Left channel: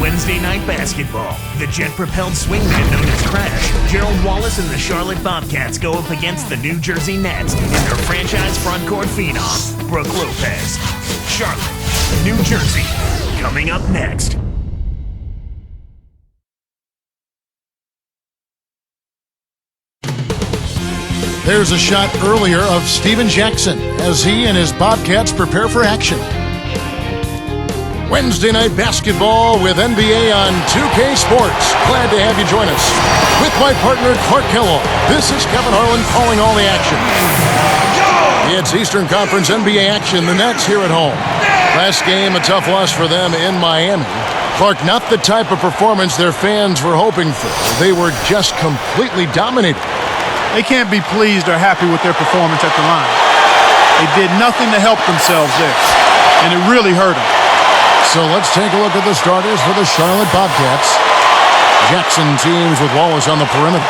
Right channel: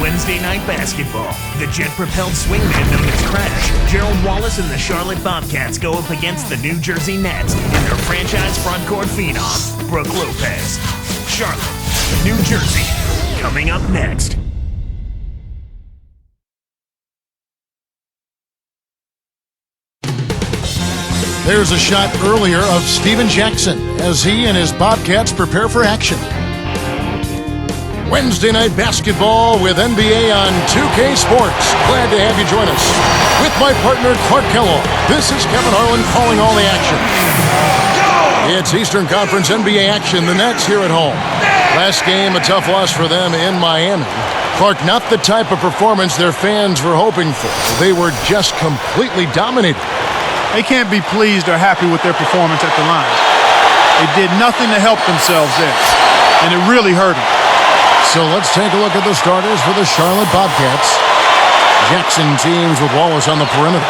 Wednesday night basketball. The jet-propelled swingman known as Crash, Gerald Wallace and the Charlotte Bobcats go up against the New Jersey Nets and their franchise frontcourt phenom, Brook Lopez. Charlotte, New Jersey, coming up next. There's a shot earlier of Steven Jackson as he and his Bobcats prepare for action. Wednesday night basketball with NBA on 2K Sports. Glad to have you join us. With my partner, Clark Kellogg, this is Kevin Harlan calling all the action. It's Eastern Conference NBA action. The Nets here at home. Last game, a tough loss for them in Miami. Clark, not the type of performance their fans were hoping for. They were just completely dominated. They can't be pleased or happy with their performance at the line. They did nothing to help themselves there, and it really hurt them. So let's take a look at the starters for the Charlotte Bobcats. Jackson teams with Wallace on the perimeter.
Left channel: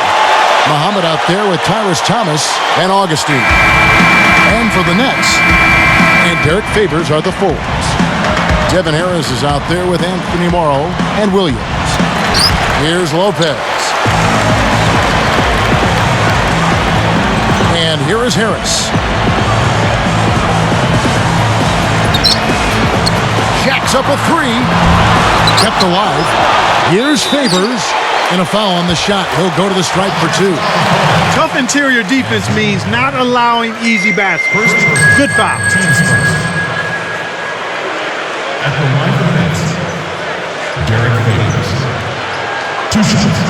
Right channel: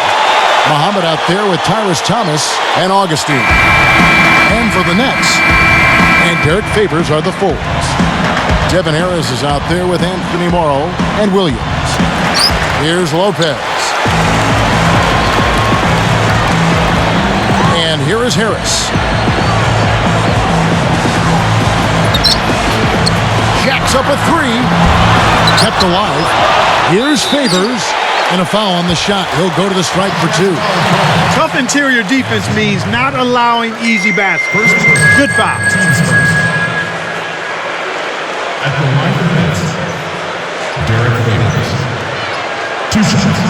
Muhammad out there with Tyrus Thomas and Augustine. And for the Nets, and Derek Favors are the forwards. Devin Harris is out there with Anthony Morrow and Williams. Here's Lopez. And here is Harris. Jacks up a three. Kept alive. Here's Favors. And a foul on the shot. He'll go to the stripe for two. Tough interior defense means not allowing easy baskets. Good foul. At the line of the Nets, Derek Favors. 2 shots.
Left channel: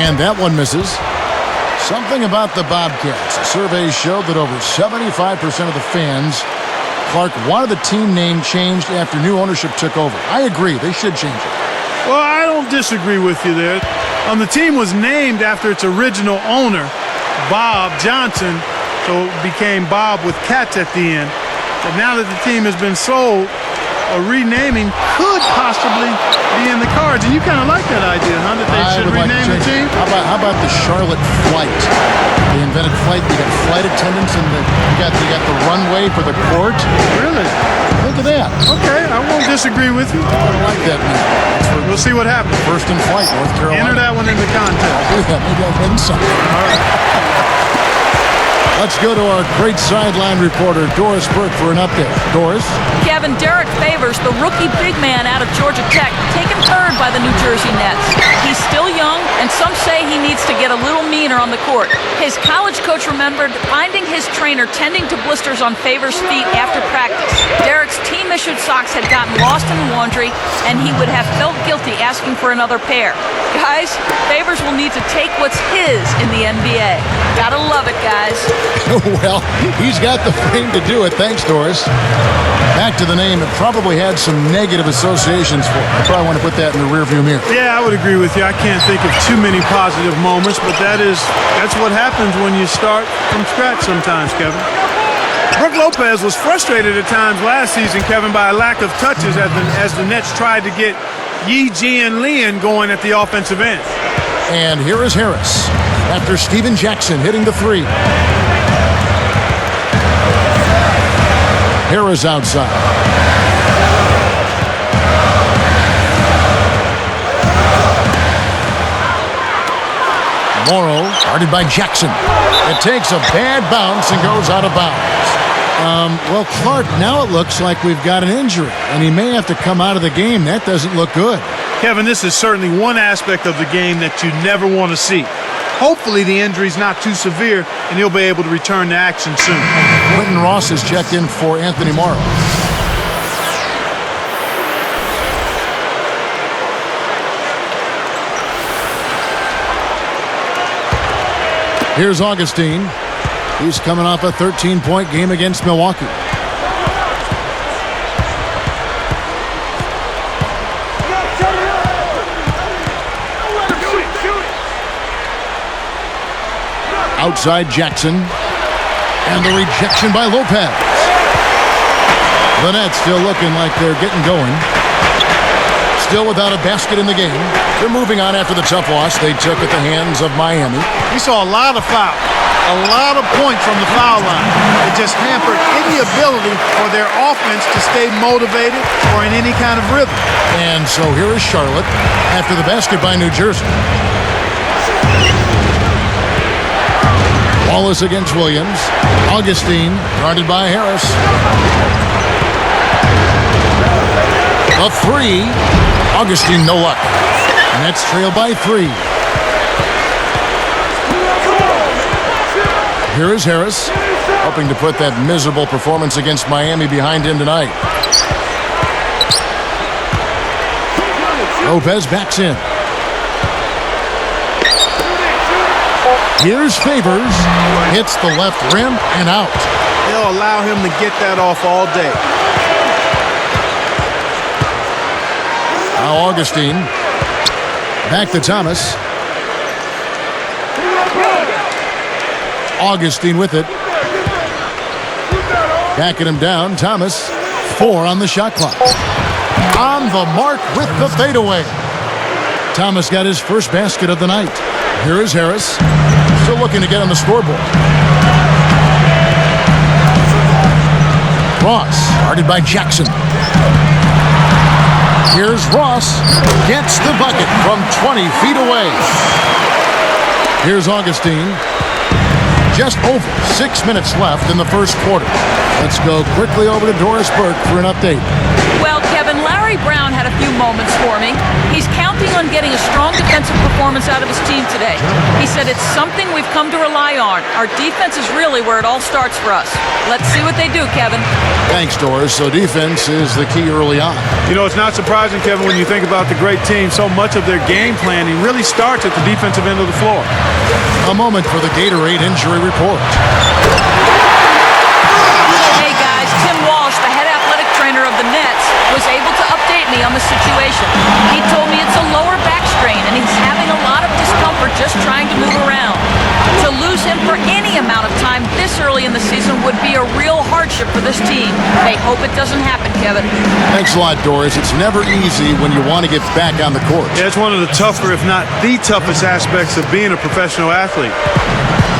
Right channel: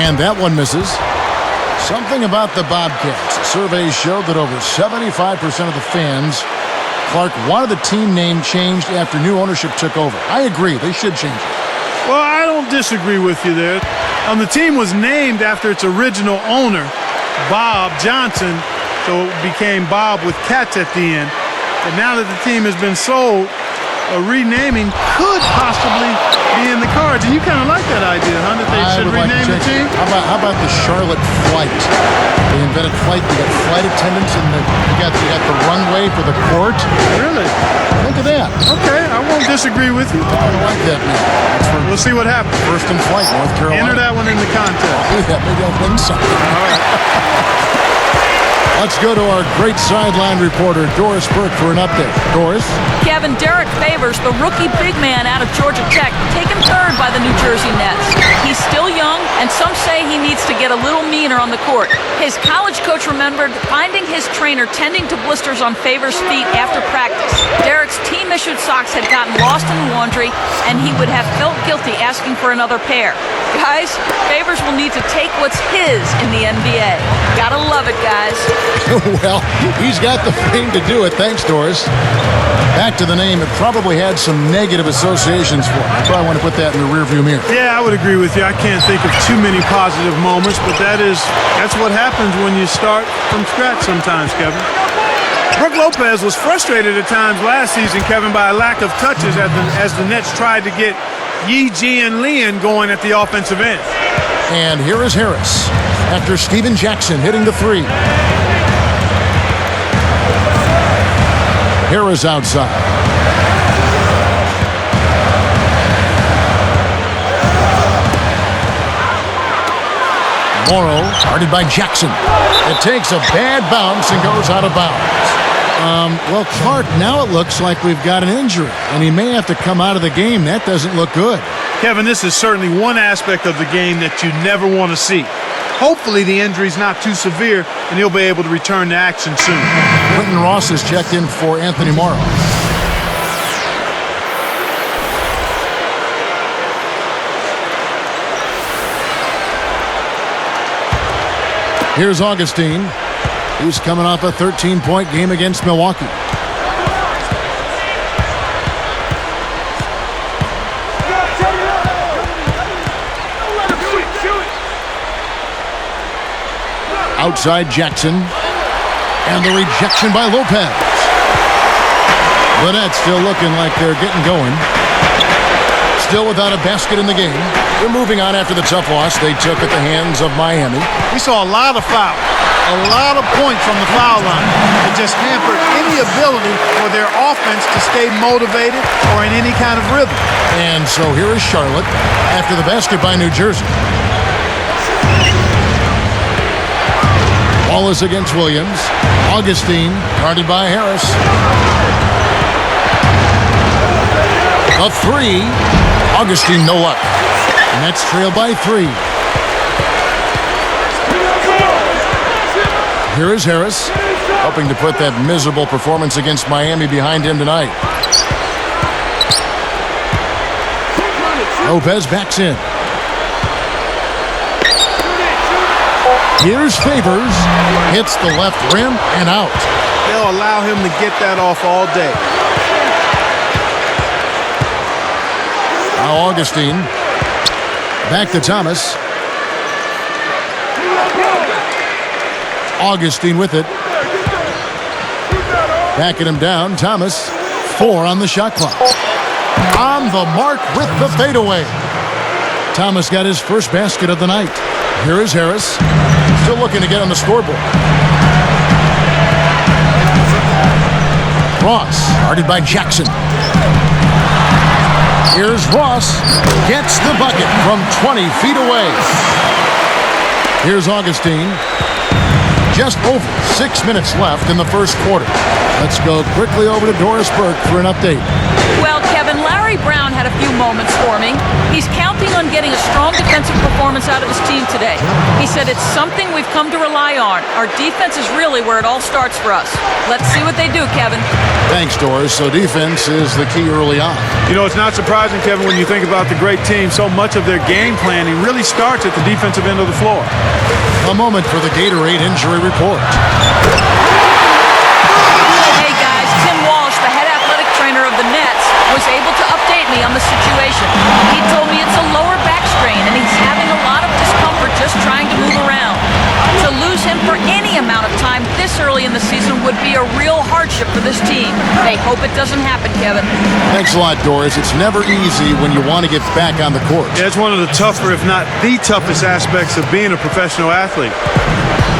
And that one misses. Something about the Bobcats. A survey showed that over 75% of the fans, Clark, wanted the team name changed after new ownership took over. I agree. They should change it. Well, I don't disagree with you there. The team was named after its original owner, Bob Johnson, so it became Bob with cats at the end. But now that the team has been sold, a renaming could possibly be in the cards. And you kind of like that idea, huh? That they should rename the team? How about the Charlotte Flight? They invented flight. You got flight attendants, and you got the runway for the court. Really? Think of that. Okay, I won't disagree with you. I like that now. We'll see what happens. First in flight, North Carolina. Enter that one in the contest. I'll do that. Maybe I'll win something. All right. Let's go to our great sideline reporter, Doris Burke, for an update. Doris? Kevin, Derek Favors, the rookie big man out of Georgia Tech, taken third by the New Jersey Nets. He's still young, and some say he needs to get a little meaner on the court. His college coach remembered finding his trainer tending to blisters on Favors' feet after practice. Derek's team-issued socks had gotten lost in laundry, and he would have felt guilty asking for another pair. Guys, Favors will need to take what's his in the NBA. Gotta love it, guys. Well, he's got the frame to do it. Thanks, Doris. Back to the name, it probably had some negative associations for him. I probably want to put that in the rearview mirror. Yeah, I would agree with you. I can't think of too many positive moments, but that's what happens when you start from scratch sometimes, Kevin. Brook Lopez was frustrated at times last season, Kevin, by a lack of touches as the Nets tried to get Yi Jian Lian going at the offensive end. And here is Harris after Steven Jackson hitting the three. Harris outside. Morrow guarded by Jackson. It takes a bad bounce and goes out of bounds. Well, Clark, now it looks like we've got an injury, and he may have to come out of the game. That doesn't look good. Kevin, this is certainly one aspect of the game that you never want to see. Hopefully the injury's not too severe, and he'll be able to return to action soon. Quentin Ross has checked in for Anthony Morrow. Here's Augustine. He's coming off a 13-point game against Milwaukee. Outside Jackson. And the rejection by Lopez. The Nets still looking like they're getting going. still without a basket in the game. They're moving on after the tough loss they took at the hands of Miami. We saw a lot of fouls, a lot of points from the foul line. It just hampered any ability for their offense to stay motivated or in any kind of rhythm. And so here is Charlotte after the basket by New Jersey. Wallace against Williams. Augustine guarded by Harris. The three. Augustine, no luck. Nets trail by 3. Here is Harris, hoping to put that miserable performance against Miami behind him tonight. Lopez backs in. Here's Favors. Hits the left rim and out. They'll allow him to get that off all day. Now Augustine. Back to Thomas. Augustine with it. Backing him down. Thomas. 4 on the shot clock. On the mark with the fadeaway. Thomas got his first basket of the night. Here is Harris. Still looking to get on the scoreboard. Ross, guarded by Jackson. Here's Ross. Gets the bucket from 20 feet away. Here's Augustine. Just over 6 minutes left in the first quarter. Let's go quickly over to Doris Burke for an update. Well, Kevin, Larry Brown had a few moments for me. He's counting on getting a strong defensive performance out of his team today. He said it's something we've come to rely on. Our defense is really where it all starts for us. Let's see what they do, Kevin. Thanks, Doris. So defense is the key early on. You know, it's not surprising, Kevin, when you think about the great team. So much of their game planning really starts at the defensive end of the floor. A moment for the Gatorade injury report. Hey guys, Tim Walsh, the head athletic trainer of the Nets, was able to update me on the situation. He told me it's a lower back strain and he's having a lot of discomfort just trying to move around. To lose him for any amount of time this early in the season would be a real hardship for this team. They hope it doesn't happen, Kevin. Thanks a lot, Doris. It's never easy when you want to get back on the court. Yeah, it's one of the tougher, if not the toughest aspects of being a professional athlete.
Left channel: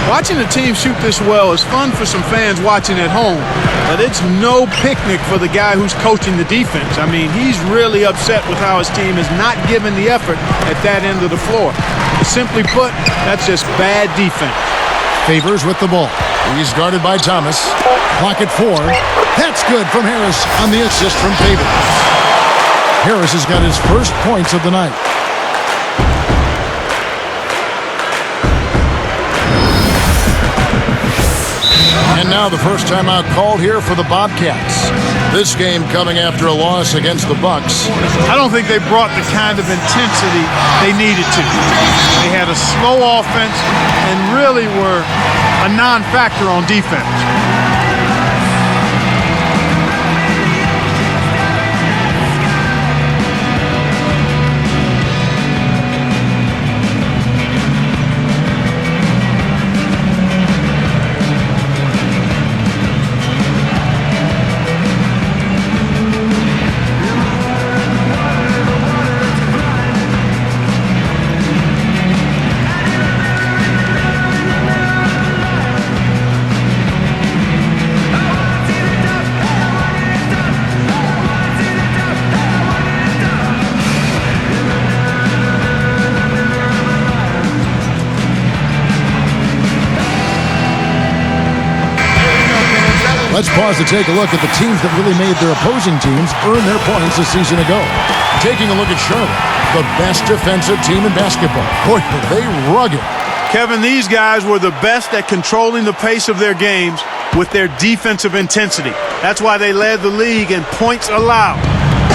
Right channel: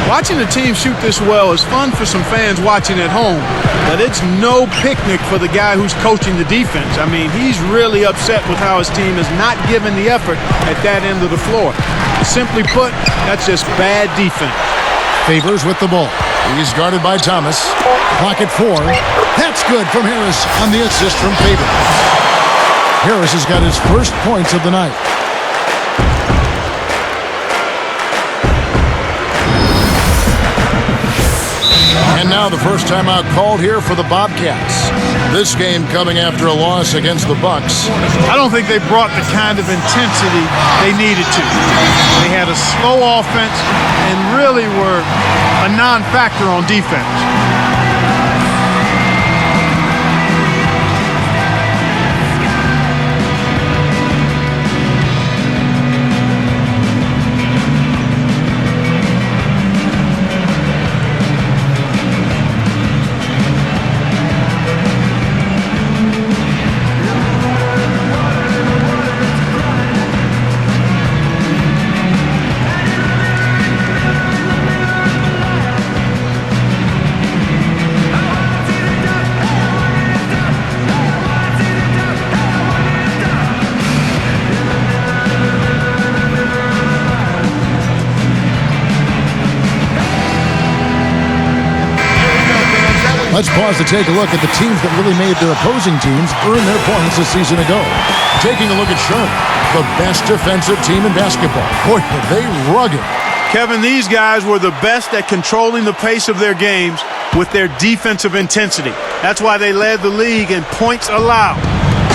Watching a team shoot this well is fun for some fans watching at home, but it's no picnic for the guy who's coaching the defense. I mean, he's really upset with how his team is not giving the effort at that end of the floor. Simply put, that's just bad defense. Favors with the ball. He's guarded by Thomas. Clock at 4. That's good from Harris on the assist from Favors. Harris has got his first points of the night. And now the first timeout called here for the Bobcats. This game coming after a loss against the Bucks. I don't think they brought the kind of intensity they needed to. They had a slow offense and really were a non-factor on defense. Let's pause to take a look at the teams that really made their opposing teams earn their points a season ago. Taking a look at Charlotte, the best defensive team in basketball. Boy, were they rugged. Kevin, these guys were the best at controlling the pace of their games with their defensive intensity. That's why they led the league in points allowed.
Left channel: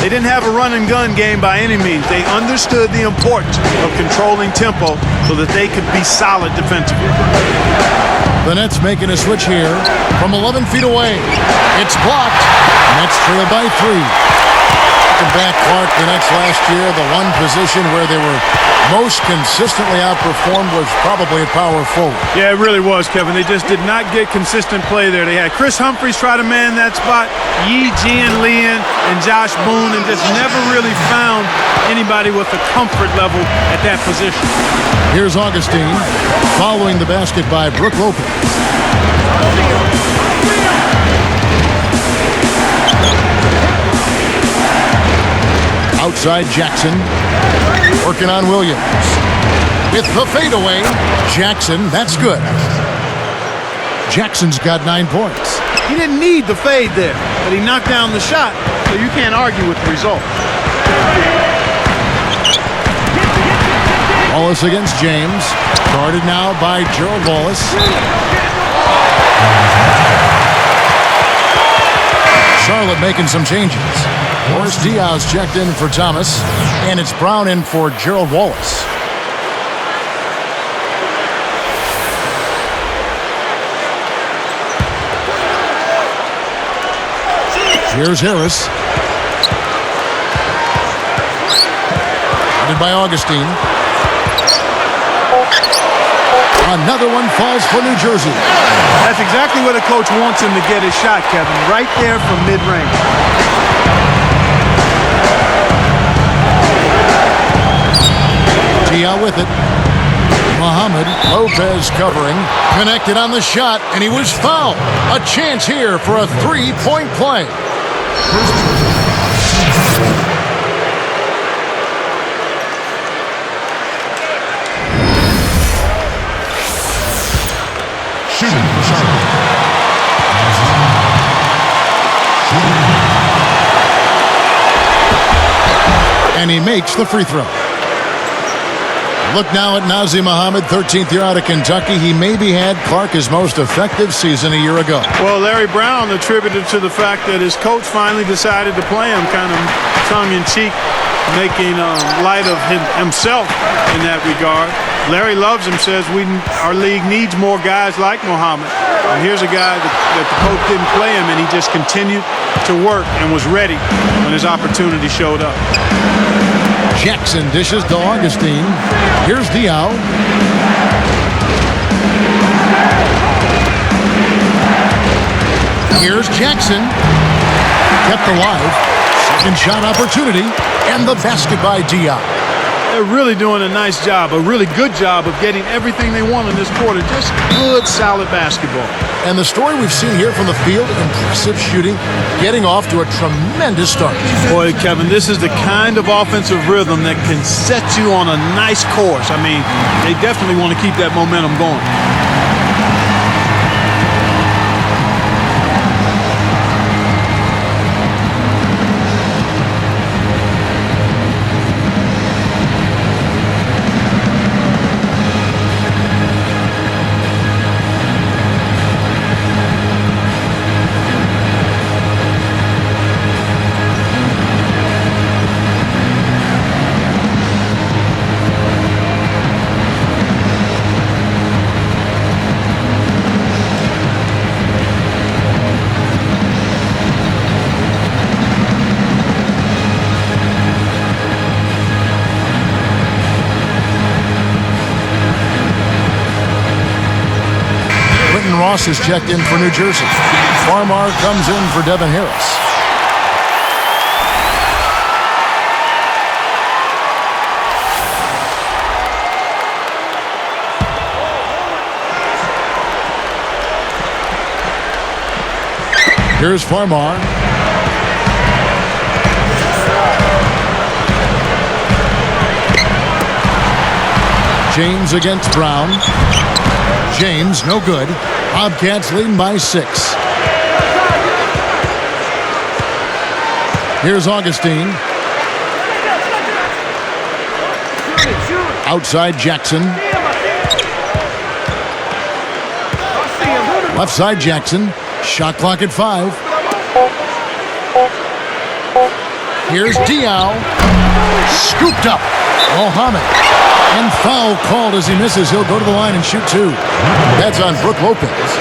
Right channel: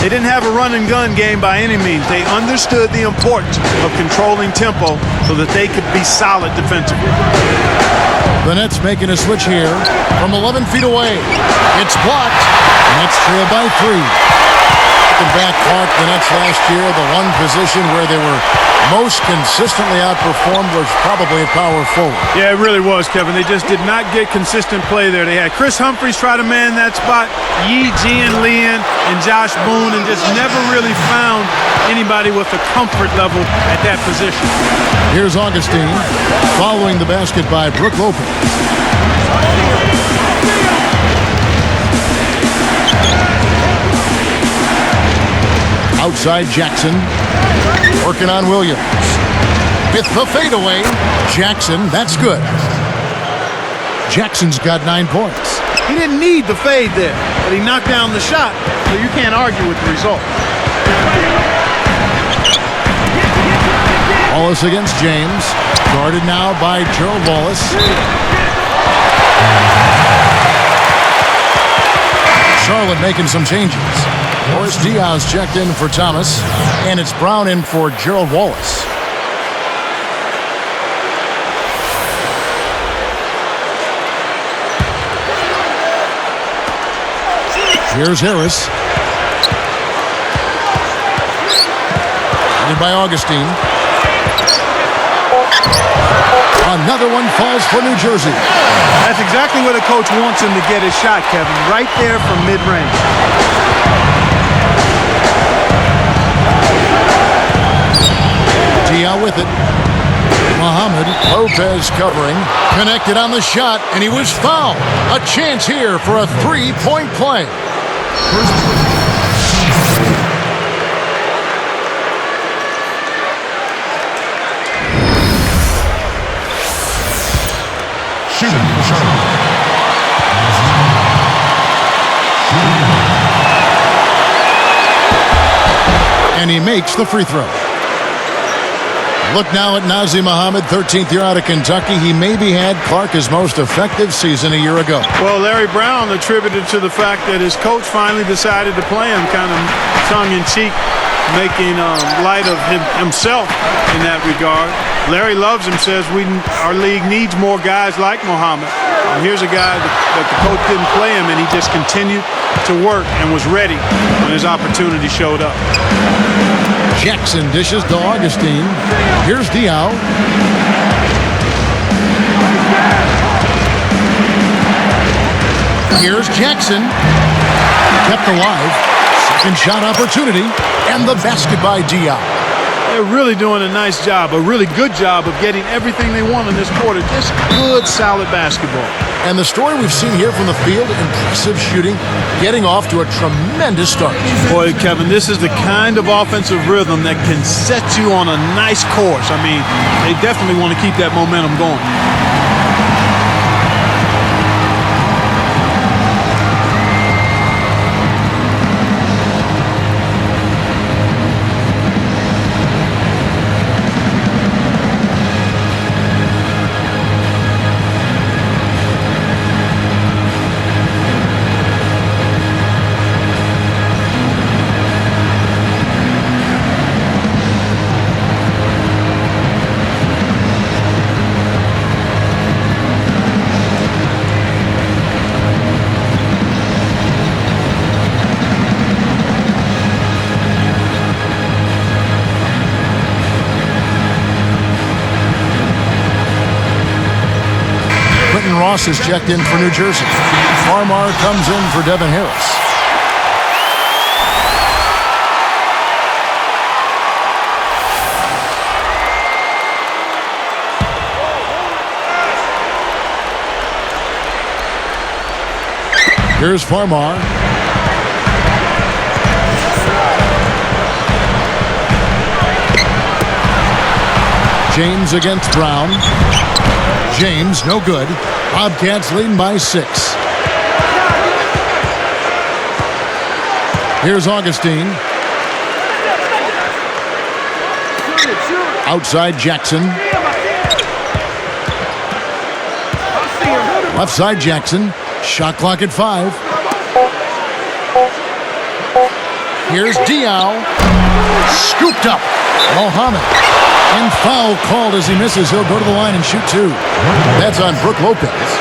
They didn't have a run-and-gun game by any means. They understood the importance of controlling tempo so that they could be solid defensively. The Nets making a switch here from 11 feet away. It's blocked. Nets trail by 3. Looking back, Clark, the Nets last year, the one position where they were most consistently outperformed was probably at power forward. Yeah, it really was, Kevin. They just did not get consistent play there. They had Chris Humphries try to man that spot, Yi Jian, and Josh Boone, and just never really found anybody with a comfort level at that position. Here's Augustine following the basket by Brook Lopez. Outside Jackson, working on Williams. With the fadeaway, Jackson, that's good. Jackson's got 9 points. He didn't need the fade there, but he knocked down the shot, so you can't argue with the result. Wallace against James, guarded now by Gerald Wallace. Charlotte making some changes. Boris Diaz checked in for Thomas, and it's Brown in for Gerald Wallace. Here's Harris. Headed by Augustine. Another one falls for New Jersey. That's exactly what a coach wants him to get his shot, Kevin, right there from mid-range. Dia with it. Muhammad Lopez covering. Connected on the shot, and he was fouled. A chance here for a three-point play. Shooting for Charlotte. And he makes the free throw. Look now at Nazir Muhammad, 13th year out of Kentucky. He maybe had Clark his most effective season a year ago. Well, Larry Brown attributed to the fact that his coach finally decided to play him, kind of tongue-in-cheek, making light of himself in that regard. Larry loves him, says our league needs more guys like Muhammad. And here's a guy that the coach didn't play him, and he just continued to work and was ready when his opportunity showed up. Jackson dishes to Augustine. Here's Diao. Here's Jackson. Kept alive. Second shot opportunity. And the basket by Diao. They're really doing a nice job, a really good job of getting everything they want in this quarter. Just good, solid basketball. And the story we've seen here from the field, impressive shooting, getting off to a tremendous start. Boy, Kevin, this is the kind of offensive rhythm that can set you on a nice course. I mean, they definitely want to keep that momentum going. Quentin Ross has checked in for New Jersey. Farmar comes in for Devin Harris. Here's Farmar. James against Brown. James, no good. Bobcats leading by 6. Here's Augustine. Outside Jackson. Left side Jackson. Shot clock at 5. Here's Diao. Scooped up. Mohammed. And foul called as he misses. He'll go to the line and shoot 2. That's on Brook Lopez.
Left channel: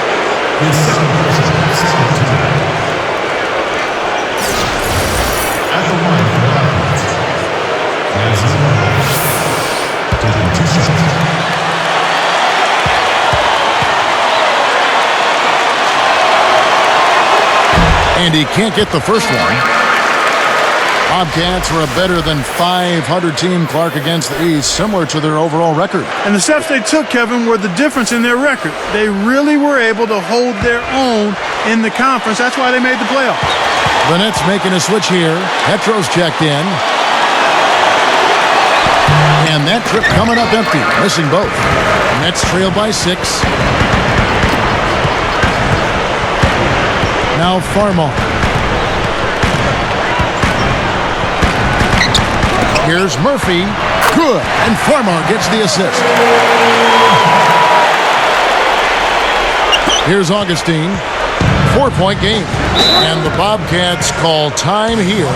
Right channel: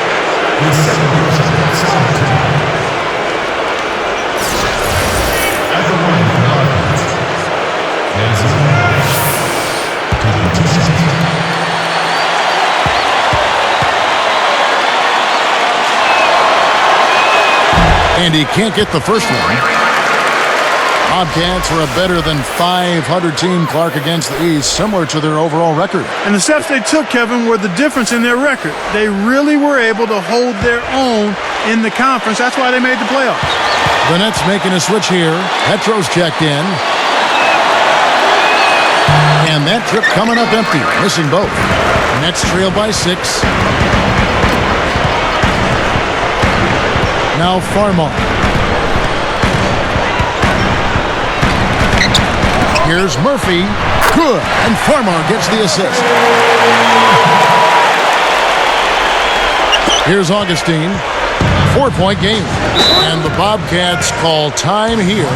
And he can't get the first one. Bobcats were a better than 500 team, Clark, against the East, similar to their overall record. And the steps they took, Kevin, were the difference in their record. They really were able to hold their own in the conference. That's why they made the playoffs. The Nets making a switch here. Petro's checked in. And that trip coming up empty, missing both. Nets trail by 6. Now Farmar. Here's Murphy. Good. And Farmar gets the assist. Here's Augustine. 4-point game. And the Bobcats call time here.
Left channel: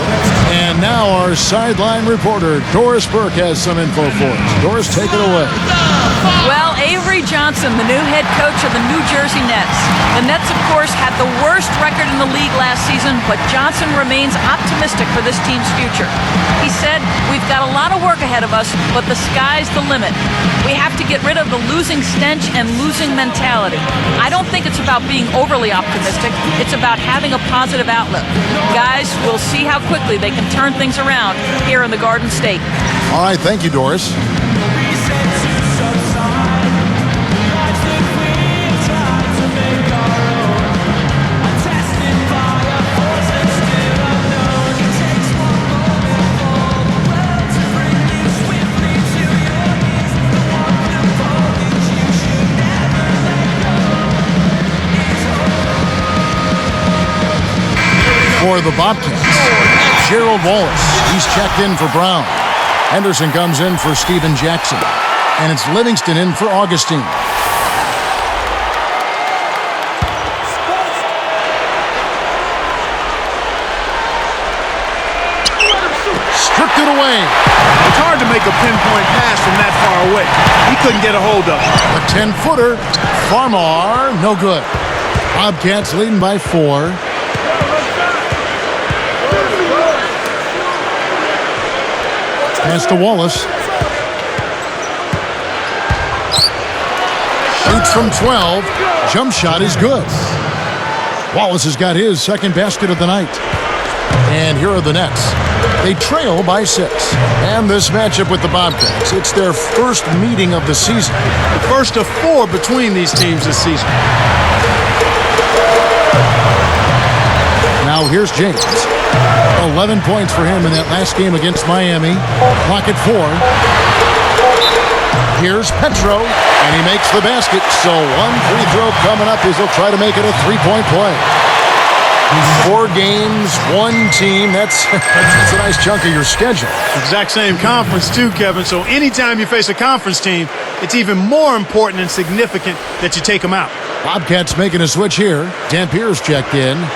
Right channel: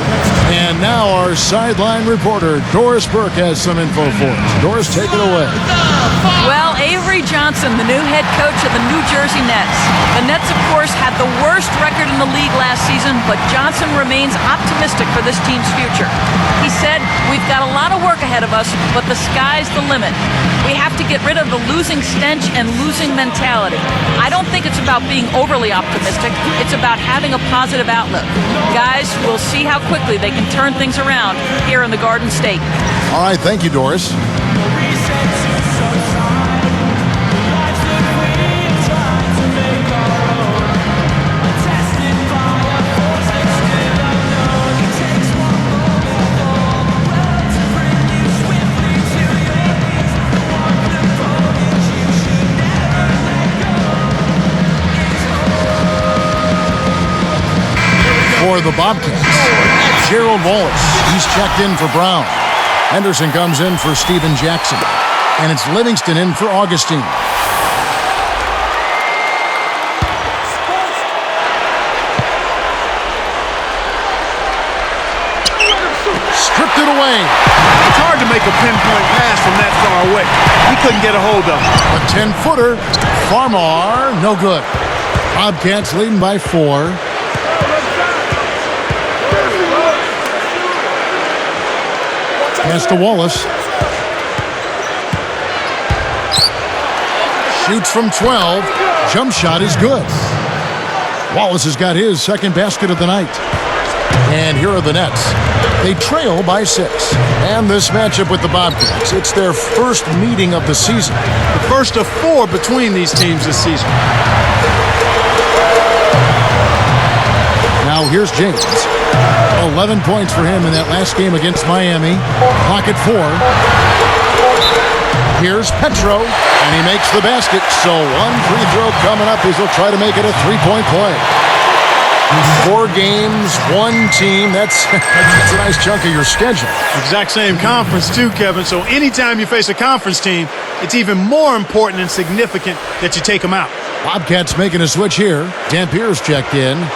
And now our sideline reporter, Doris Burke, has some info for us. Doris, take it away. Well, Avery Johnson, the new head coach of the New Jersey Nets. The Nets, of course, had the worst record in the league last season, but Johnson remains optimistic for this team's future. He said, "We've got a lot of work ahead of us, but the sky's the limit. We have to get rid of the losing stench and losing mentality. I don't think it's about being overly optimistic. It's about having a positive outlook. Guys, we'll see how quickly they can turn things around here in the Garden State." All right, thank you, Doris. For the Bobcats, Gerald Wallace. He's checked in for Brown. Henderson comes in for Steven Jackson. And it's Livingston in for Augustine. Stripped it away. It's hard to make a pinpoint pass from that far away. He couldn't get a hold of it. The 10-footer. Farmar, no good. Bobcats leading by 4. Pass to Wallace. Shoots from 12. Jump shot is good. Wallace has got his second basket of the night. And here are the Nets. They trail by 6. And this matchup with the Bobcats, it's their first meeting of the season. The first of 4 between these teams this season. Now here's James. 11 points for him in that last game against Miami. Clock at 4. Here's Petro, and he makes the basket. So one free throw coming up as he'll try to make it a 3-point play. 4 games, 1 team. That's a nice chunk of your schedule. Exact same conference too, Kevin. So anytime you face a conference team, it's even more important and significant that you take them out. Bobcats making a switch here. Dampier's checked in.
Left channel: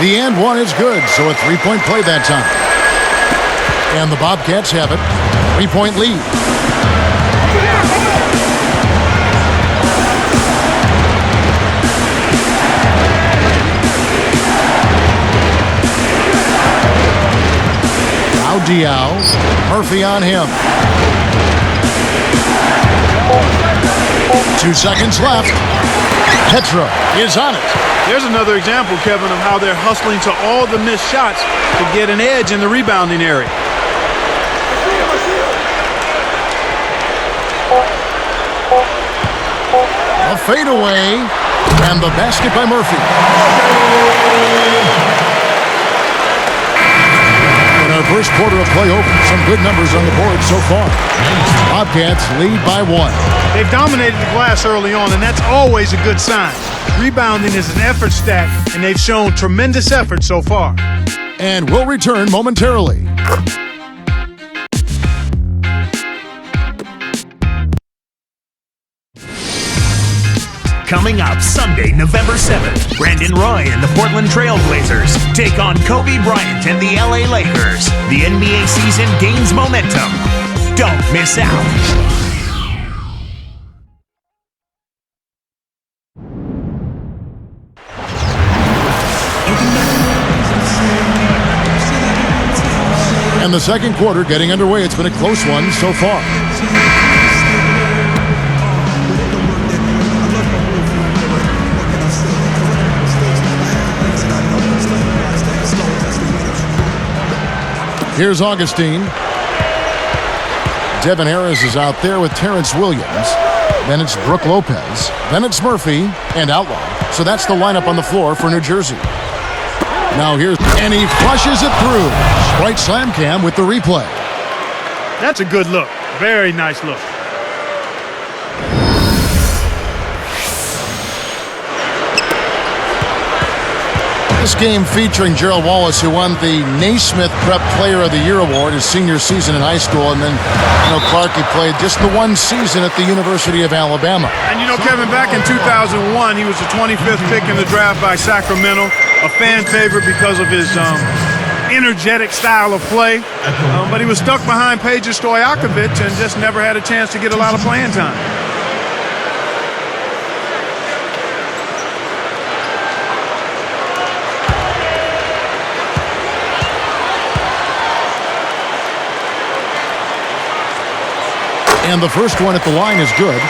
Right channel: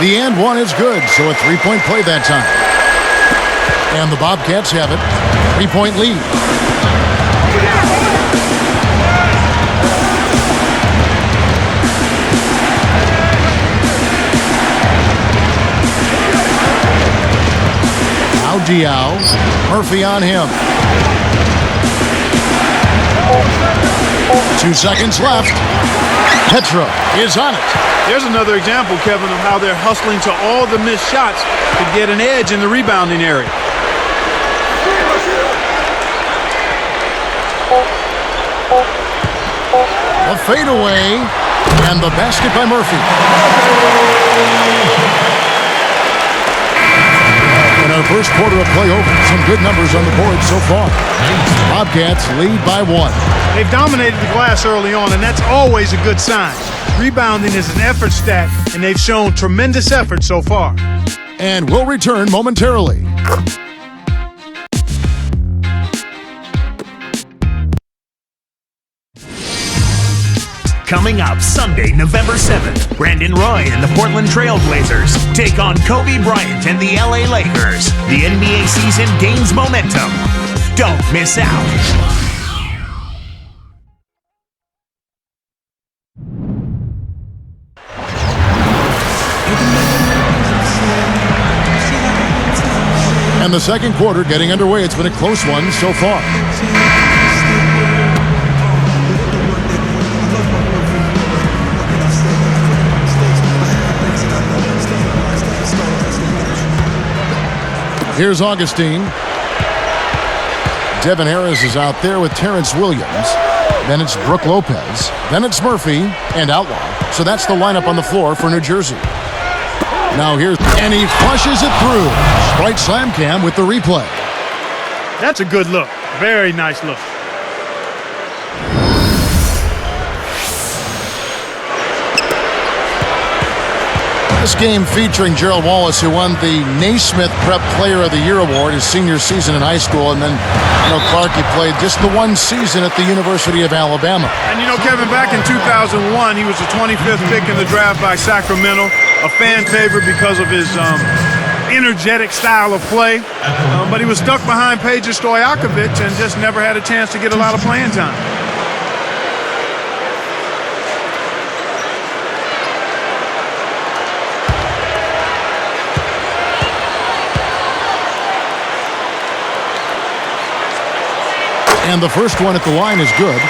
The and one is good, so a 3-point play that time. And the Bobcats have it. 3-point lead. Now Diao. Murphy on him. 2 seconds left. Petro is on it. There's another example, Kevin, of how they're hustling to all the missed shots to get an edge in the rebounding area. A fadeaway, and the basket by Murphy. In our first quarter of play over, some good numbers on the board so far. Bobcats lead by 1. They've dominated the glass early on, and that's always a good sign. Rebounding is an effort stat, and they've shown tremendous effort so far. And we'll return momentarily. Coming up Sunday, November 7th, Brandon Roy and the Portland Trail Blazers take on Kobe Bryant and the LA Lakers. The NBA season gains momentum. Don't miss out. And the second quarter getting underway. It's been a close one so far. Here's Augustine. Devin Harris is out there with Terrence Williams. Then it's Brook Lopez. Then it's Murphy and Outlaw. So that's the lineup on the floor for New Jersey. Now here's, and he flushes it through. Sprite Slam Cam with the replay. That's a good look. Very nice look. This game featuring Gerald Wallace, who won the Naismith Prep Player of the Year award his senior season in high school, and then, Clark, he played just the one season at the University of Alabama. And Kevin, back in 2001, he was the 25th pick in the draft by Sacramento, a fan favorite because of his energetic style of play. But he was stuck behind Peja Stojakovic and just never had a chance to get a lot of playing time. And the first one at the line is good.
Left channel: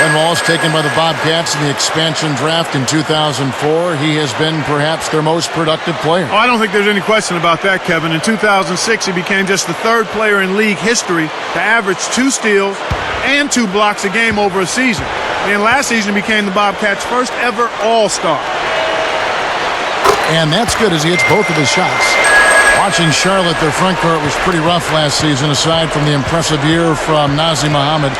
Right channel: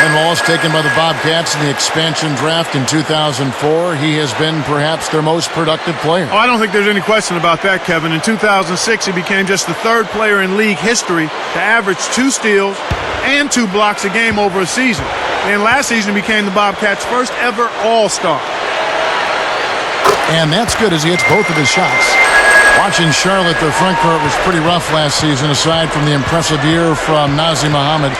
And Wallace taken by the Bobcats in the expansion draft in 2004. He has been perhaps their most productive player. Oh, I don't think there's any question about that, Kevin. In 2006, he became just the third player in league history to average 2 steals and 2 blocks a game over a season. And last season, he became the Bobcats' first ever All-Star. And that's good as he hits both of his shots. Watching Charlotte, their front court was pretty rough last season, aside from the impressive year from Nazir Muhammad.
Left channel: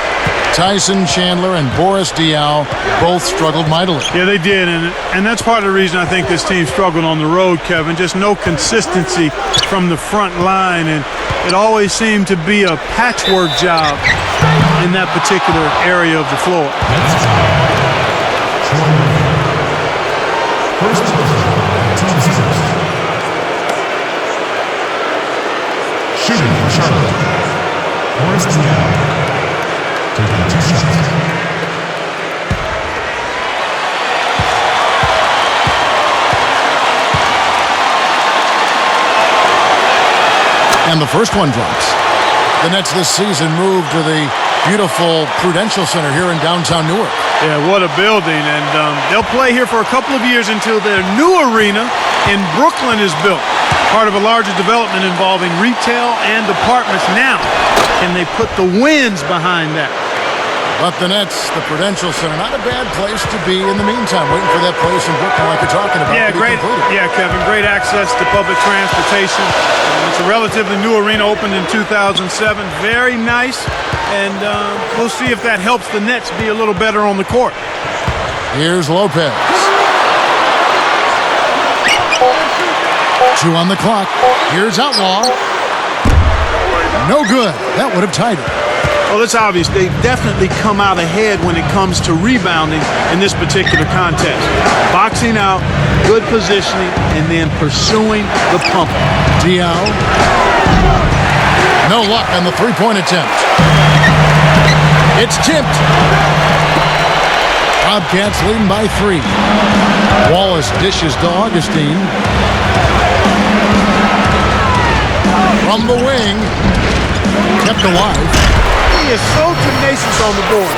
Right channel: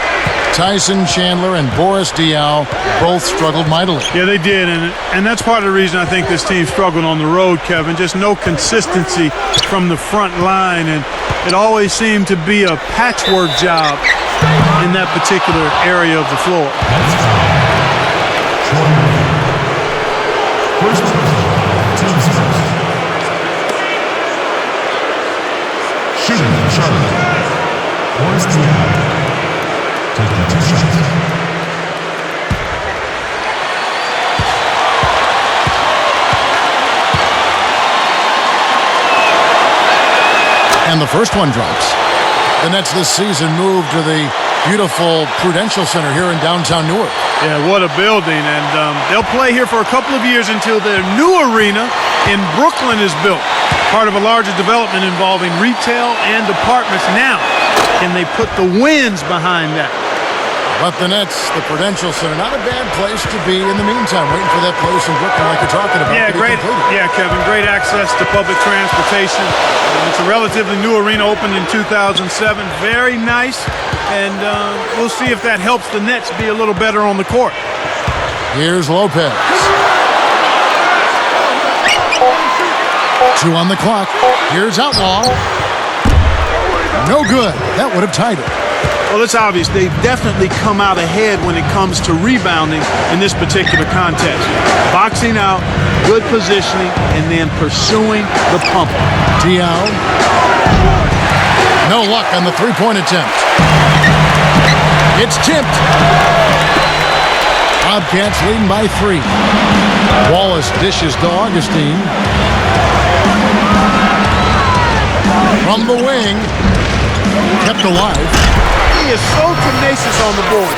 Tyson Chandler and Boris Diaw both struggled mightily. Yeah, they did, and that's part of the reason I think this team struggled on the road, Kevin. Just no consistency from the front line, and it always seemed to be a patchwork job in that particular area of the floor. Shooting for Charlotte, Boris Diaw, taking 2 shots. And the first one drops. The Nets this season moved to the beautiful Prudential Center here in downtown Newark. Yeah, what a building, and they'll play here for a couple of years until their new arena in Brooklyn is built. Part of a larger development involving retail and apartments. Now, can they put the wins behind that? But the Nets, the Prudential Center, not a bad place to be in the meantime, waiting for that place in Brooklyn like you're talking about to be completed. Yeah, Kevin, great access to public transportation. It's a relatively new arena, opened in 2007. Very nice, and we'll see if that helps the Nets be a little better on the court. Here's Lopez. 2 on the clock. Here's Outlaw. No good. That would have tied it. Well, it's obvious they've definitely come out ahead when it comes to rebounding in this particular contest. Boxing out, good positioning, and then pursuing the pump. Diaw. No luck on the three-point attempt. It's tipped. Bobcats leading by 3. Wallace dishes to Augustine. From the wing. Kept alive. He is so tenacious on the board.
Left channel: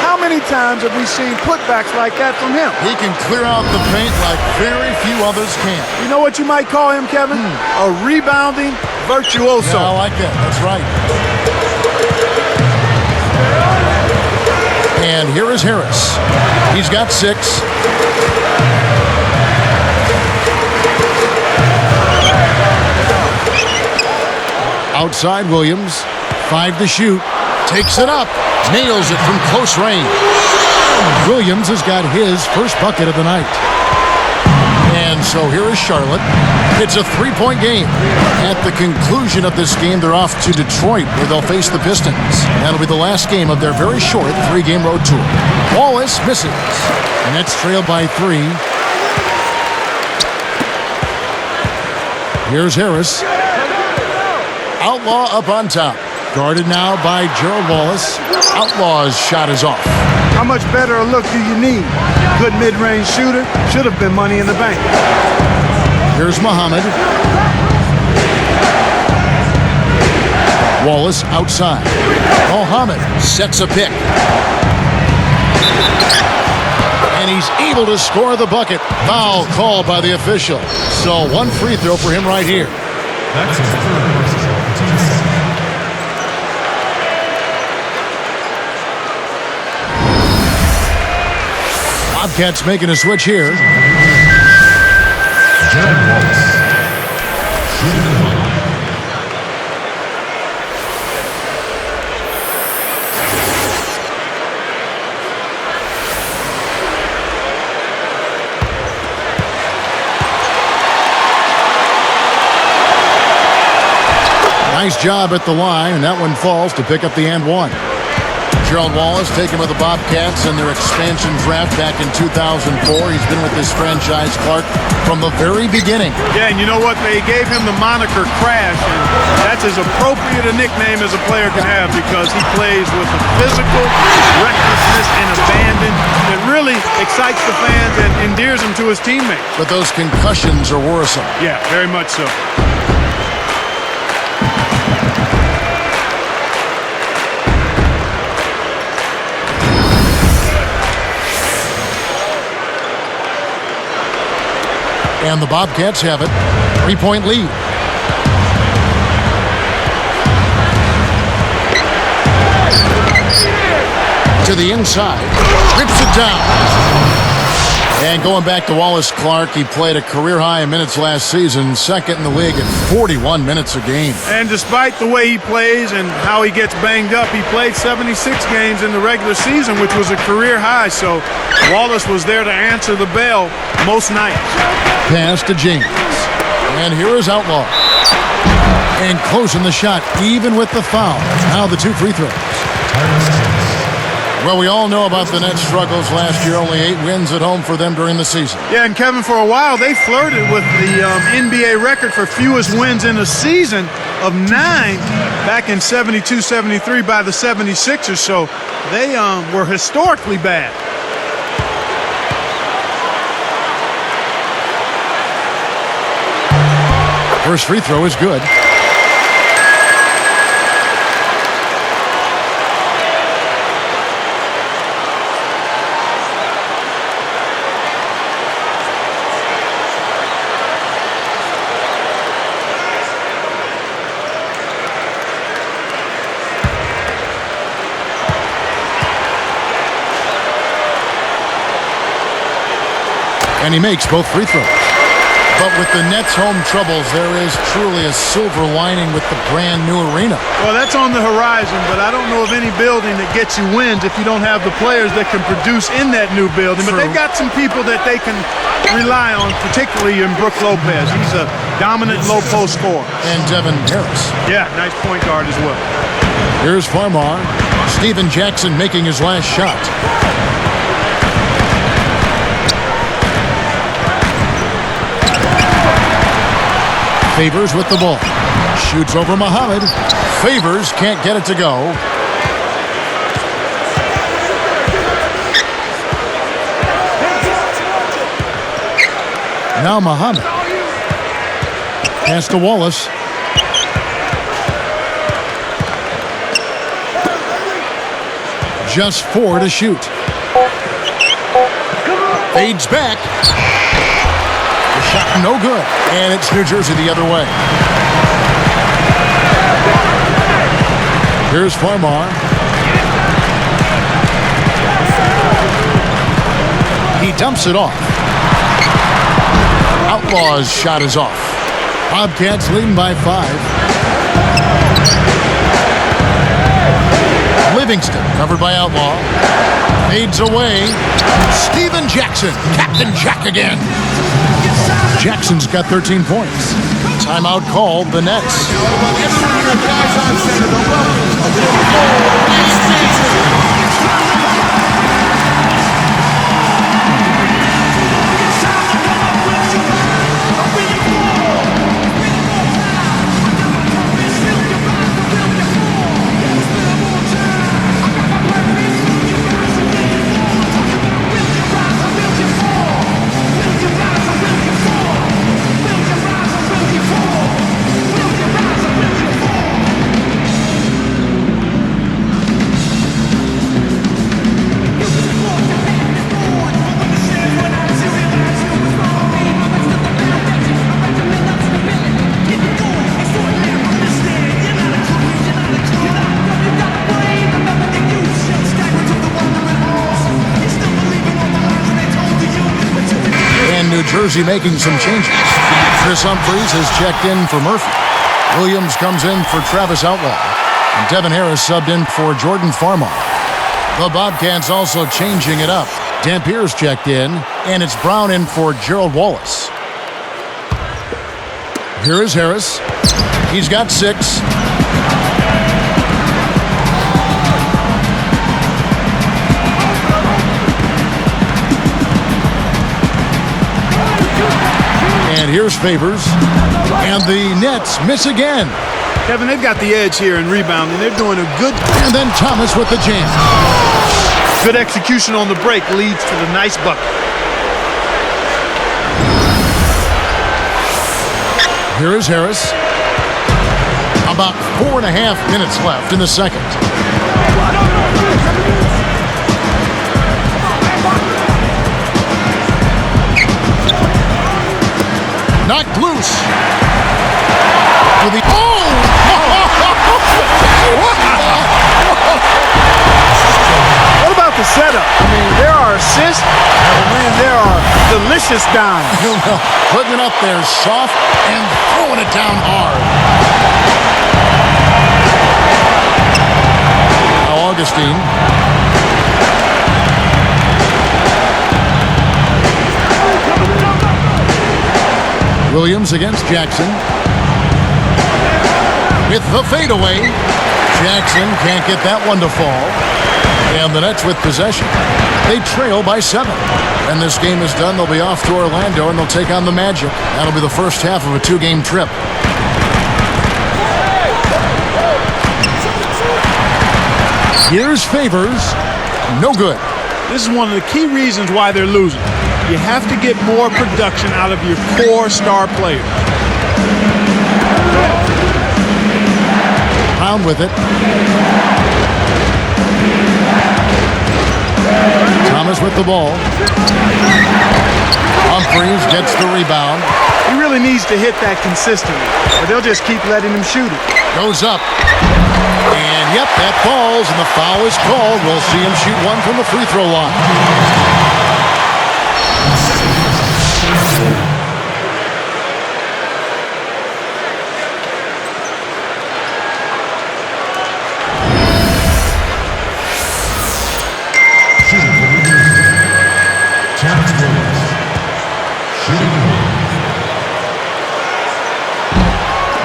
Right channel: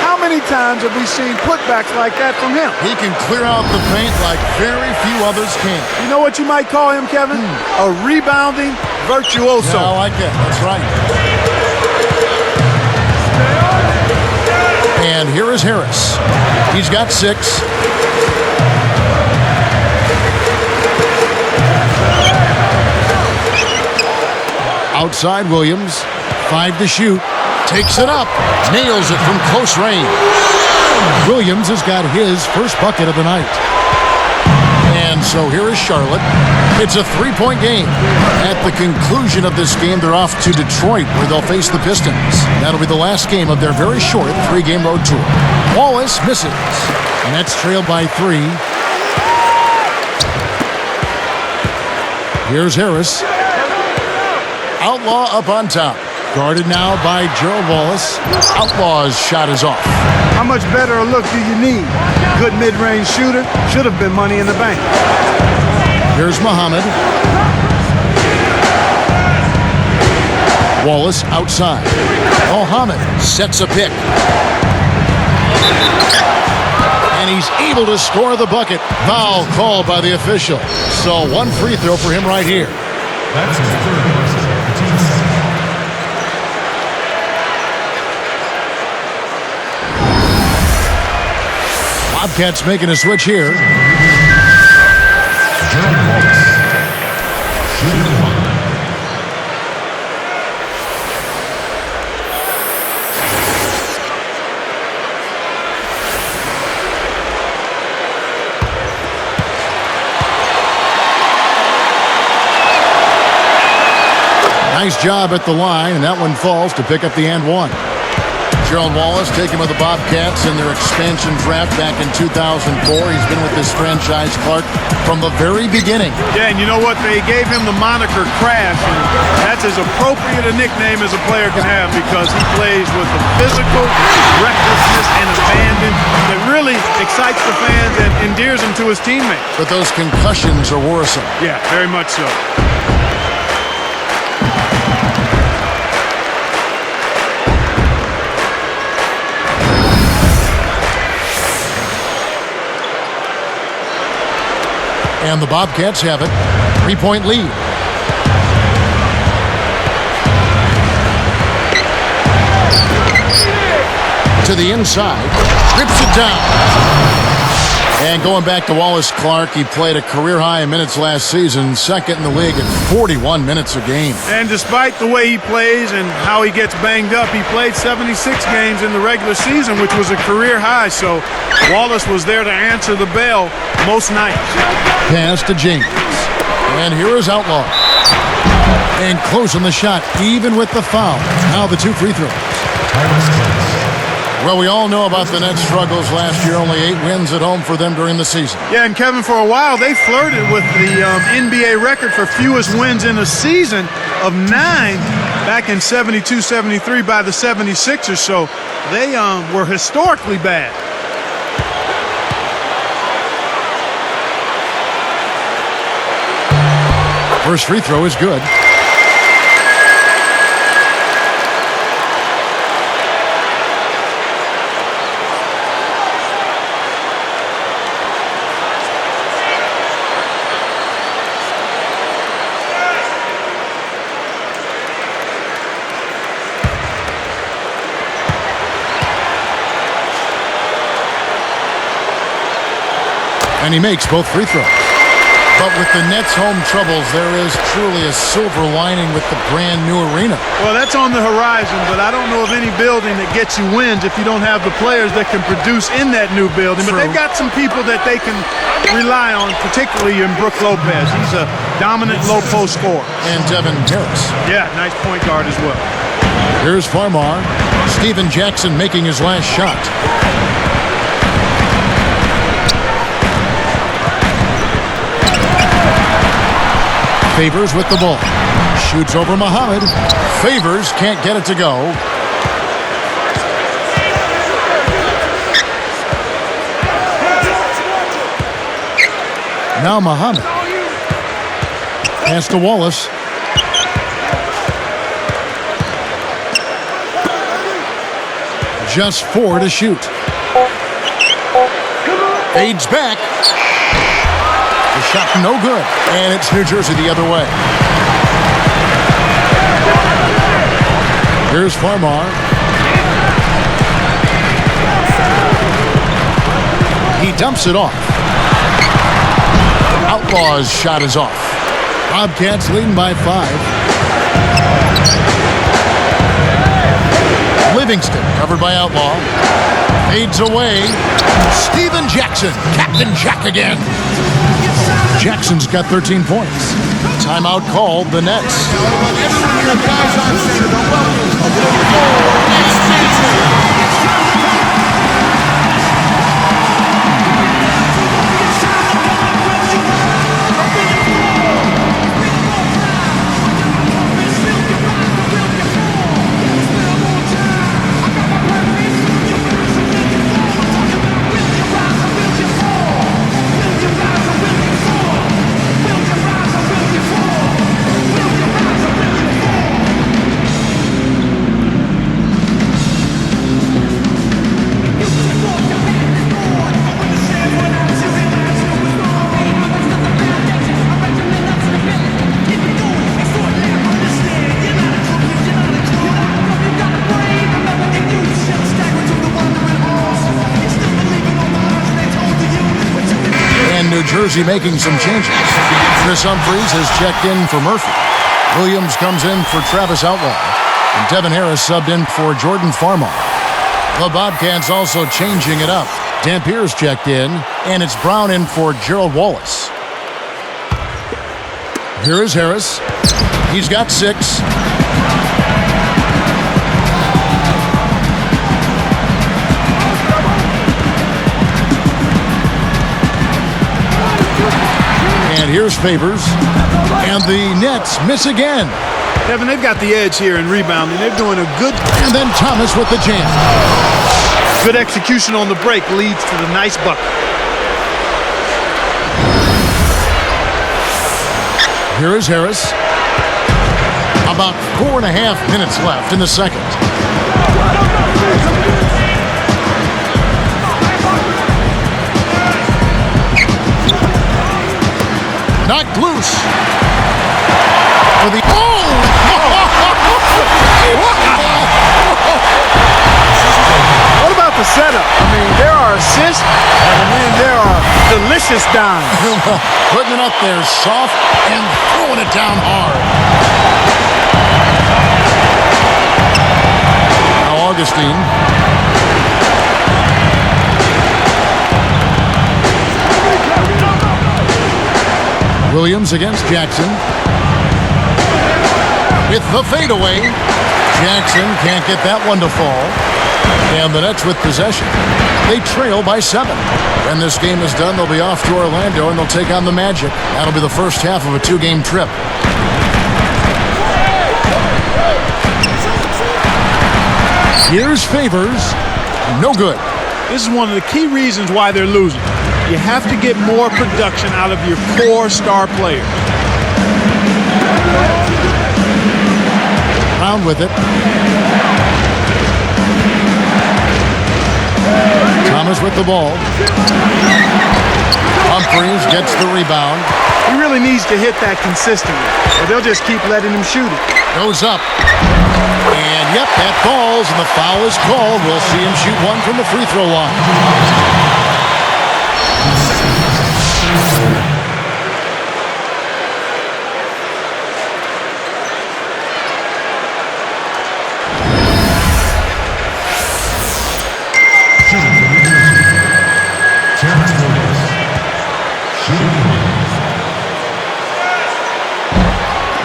How many times have we seen putbacks like that from him? He can clear out the paint like very few others can. You know what you might call him, Kevin? A rebounding virtuoso. Yeah, I like that. That's right. And here is Harris. He's got 6. Outside Williams. 5 to shoot. Takes it up. Nails it from close range. Williams has got his first bucket of the night. And so here is Charlotte. It's a 3-point game. At the conclusion of this game, they're off to Detroit, where they'll face the Pistons. That'll be the last game of their very short 3-game road tour. Wallace misses. Nets trail by 3. Here's Harris. Outlaw up on top. Guarded now by Gerald Wallace. Outlaw's shot is off. How much better a look do you need? Good mid-range shooter. Should have been money in the bank. Here's Muhammad. Wallace outside. Muhammad sets a pick. And he's able to score the bucket. Foul called by the official. So 1 free throw for him right here. That's his third person of the team season. Bobcats making a switch here. Gerald Wallace. Shooting the ball. Nice job at the line, and that one falls to pick up the and one. Gerald Wallace taken with the Bobcats in their expansion draft back in 2004. He's been with this franchise, Clark, from the very beginning. Yeah, and you know what? They gave him the moniker Crash, and that's as appropriate a nickname as a player can have because he plays with a physical recklessness and abandon that really excites the fans and endears him to his teammates. But those concussions are worrisome. Yeah, very much so. And the Bobcats have it. 3-point lead. To the inside. Rips it down. And going back to Wallace Clark, he played a career high in minutes last season, second in the league at 41 minutes a game. And despite the way he plays and how he gets banged up, he played 76 games in the regular season, which was a career high. So Wallace was there to answer the bell most nights. Pass to James. And here is Outlaw. And closing the shot, even with the foul. Now the two free throws. Tyrus Thomas. Well, we all know about the Nets' struggles last year. Only 8 wins at home for them during the season. Yeah, and Kevin, for a while, they flirted with the NBA record for fewest wins in a season of 9 back in 72-73 by the 76ers. So they were historically bad. First free throw is good. And he makes both free throws. But with the Nets' home troubles, there is truly a silver lining with the brand new arena. Well, that's on the horizon, but I don't know of any building that gets you wins if you don't have the players that can produce in that new building. True. But they've got some people that they can rely on, particularly in Brook Lopez. He's a dominant low-post scorer. And Devin Harris. Yeah, nice point guard as well. Here's Farmar. Steven Jackson making his last shot. Favors with the ball. Shoots over Muhammad. Favors can't get it to go. Now Muhammad. Pass to Wallace. Just 4 to shoot. Fades back. The shot no good. And it's New Jersey the other way. Here's Farmar. He dumps it off. Outlaw's shot is off. Bobcats leading by 5. Livingston covered by Outlaw. Fades away. Steven Jackson. Captain Jack again. Jackson's got 13 points. Timeout called the Nets. New Jersey making some changes. Chris Humphries has checked in for Murphy. Williams comes in for Travis Outlaw. And Devin Harris subbed in for Jordan Farmar. The Bobcats also changing it up. Dampier's checked in, and it's Brown in for Gerald Wallace. Here is Harris. He's got 6. And here's Favors. And the Nets miss again. Kevin, they've got the edge here in rebounding. They're doing a good... And then Thomas with the jam. Good execution on the break leads to the nice bucket. Here is Harris. About 4.5 minutes left in the second. Knocked loose. For the... Oh! What about the setup? I mean, there are assists, and then there are delicious dimes. Well, putting it up there soft and throwing it down hard. Now Augustine. Williams against Jackson. With the fadeaway. Jackson can't get that one to fall. And the Nets with possession. They trail by 7. When this game is done, they'll be off to Orlando and they'll take on the Magic. That'll be the first half of a 2-game trip. Here's Favors. No good. This is one of the key reasons why they're losing. You have to get more production out of your core star players. Brown with it. Thomas with the ball. Humphries gets the rebound. He really needs to hit that consistently, or they'll just keep letting him shoot it. Goes up. And yep, that falls, and the foul is called. We'll see him shoot one from the free throw line.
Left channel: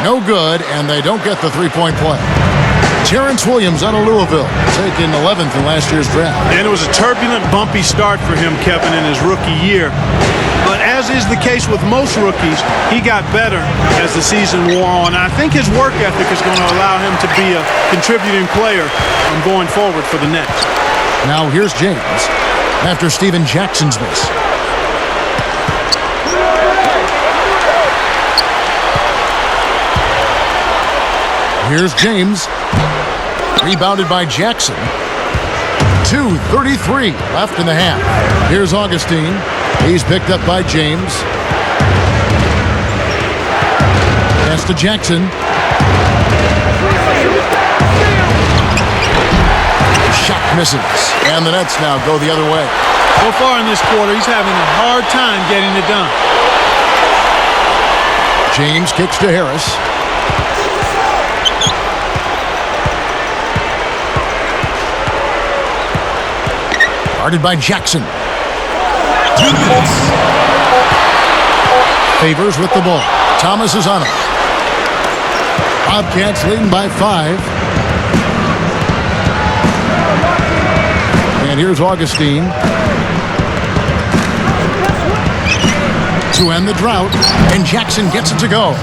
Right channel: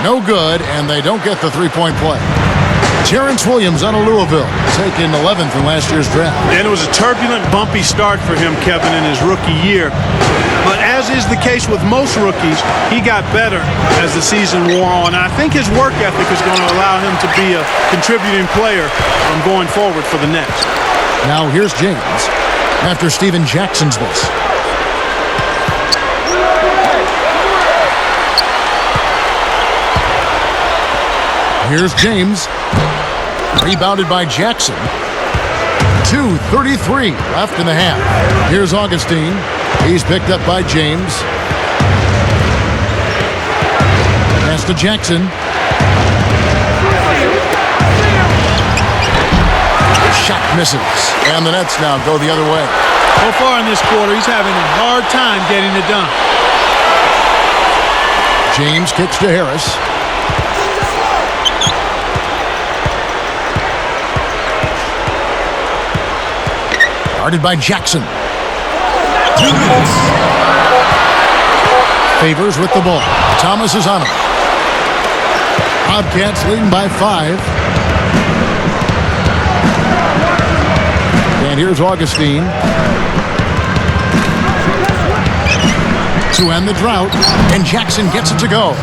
No good, and they don't get the three-point play. Terrence Williams out of Louisville, taken 11th in last year's draft. And it was a turbulent, bumpy start for him, Kevin, in his rookie year. But as is the case with most rookies, he got better as the season wore on. I think his work ethic is going to allow him to be a contributing player going forward for the Nets. Now here's James after Steven Jackson's miss. Here's James. Rebounded by Jackson. 2:33 left in the half. Here's Augustine. He's picked up by James. Pass to Jackson. Shot misses. And the Nets now go the other way. So far in this quarter, he's having a hard time getting it done. James kicks to Harris. Guarded by Jackson. Favors with the ball. Thomas is on him. Bobcats leading by 5. And here's Augustine to end the drought. And Jackson gets it to go.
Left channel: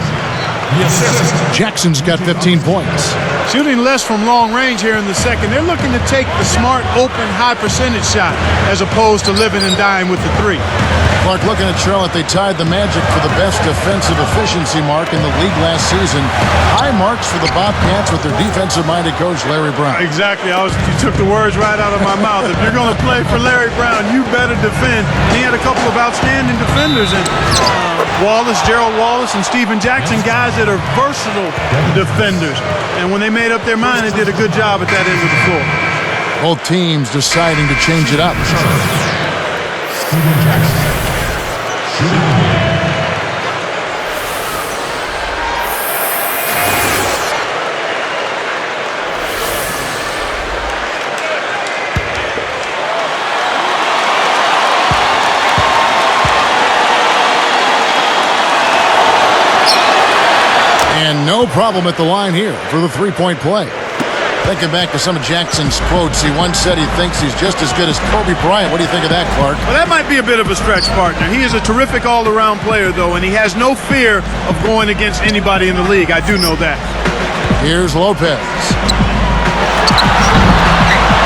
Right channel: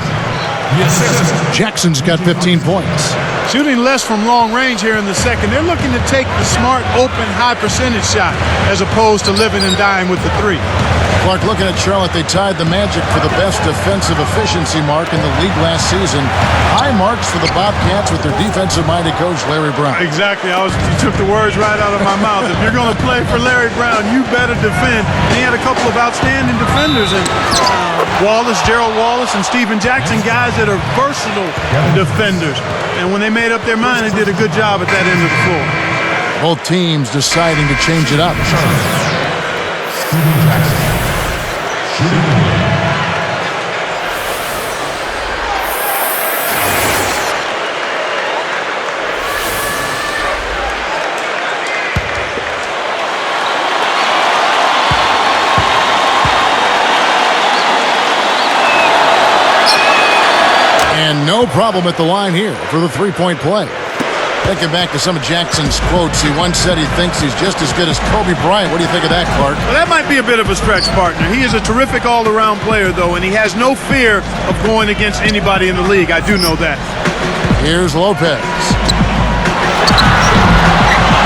Jackson's got 15 points. Shooting less from long range here in the second. They're looking to take the smart, open, high percentage shot as opposed to living and dying with the 3. Clark, looking at Charlotte, they tied the Magic for the best defensive efficiency mark in the league last season. High marks for the Bobcats with their defensive-minded coach, Larry Brown. Exactly. You took the words right out of my mouth. If you're going to play for Larry Brown, you better defend. And he had a couple of outstanding defenders in Gerald Wallace, and Steven Jackson, guys that are versatile defenders. And when they made up their mind, they did a good job at that end of the floor. Both teams deciding to change it up. Shooting one. And no problem at the line here for the three-point play. Thinking back to some of Jackson's quotes, he once said he thinks he's just as good as Kobe Bryant. What do you think of that, Clark? Well, that might be a bit of a stretch, partner. He is a terrific all-around player, though, and he has no fear of going against anybody in the league. I do know that. Here's Lopez.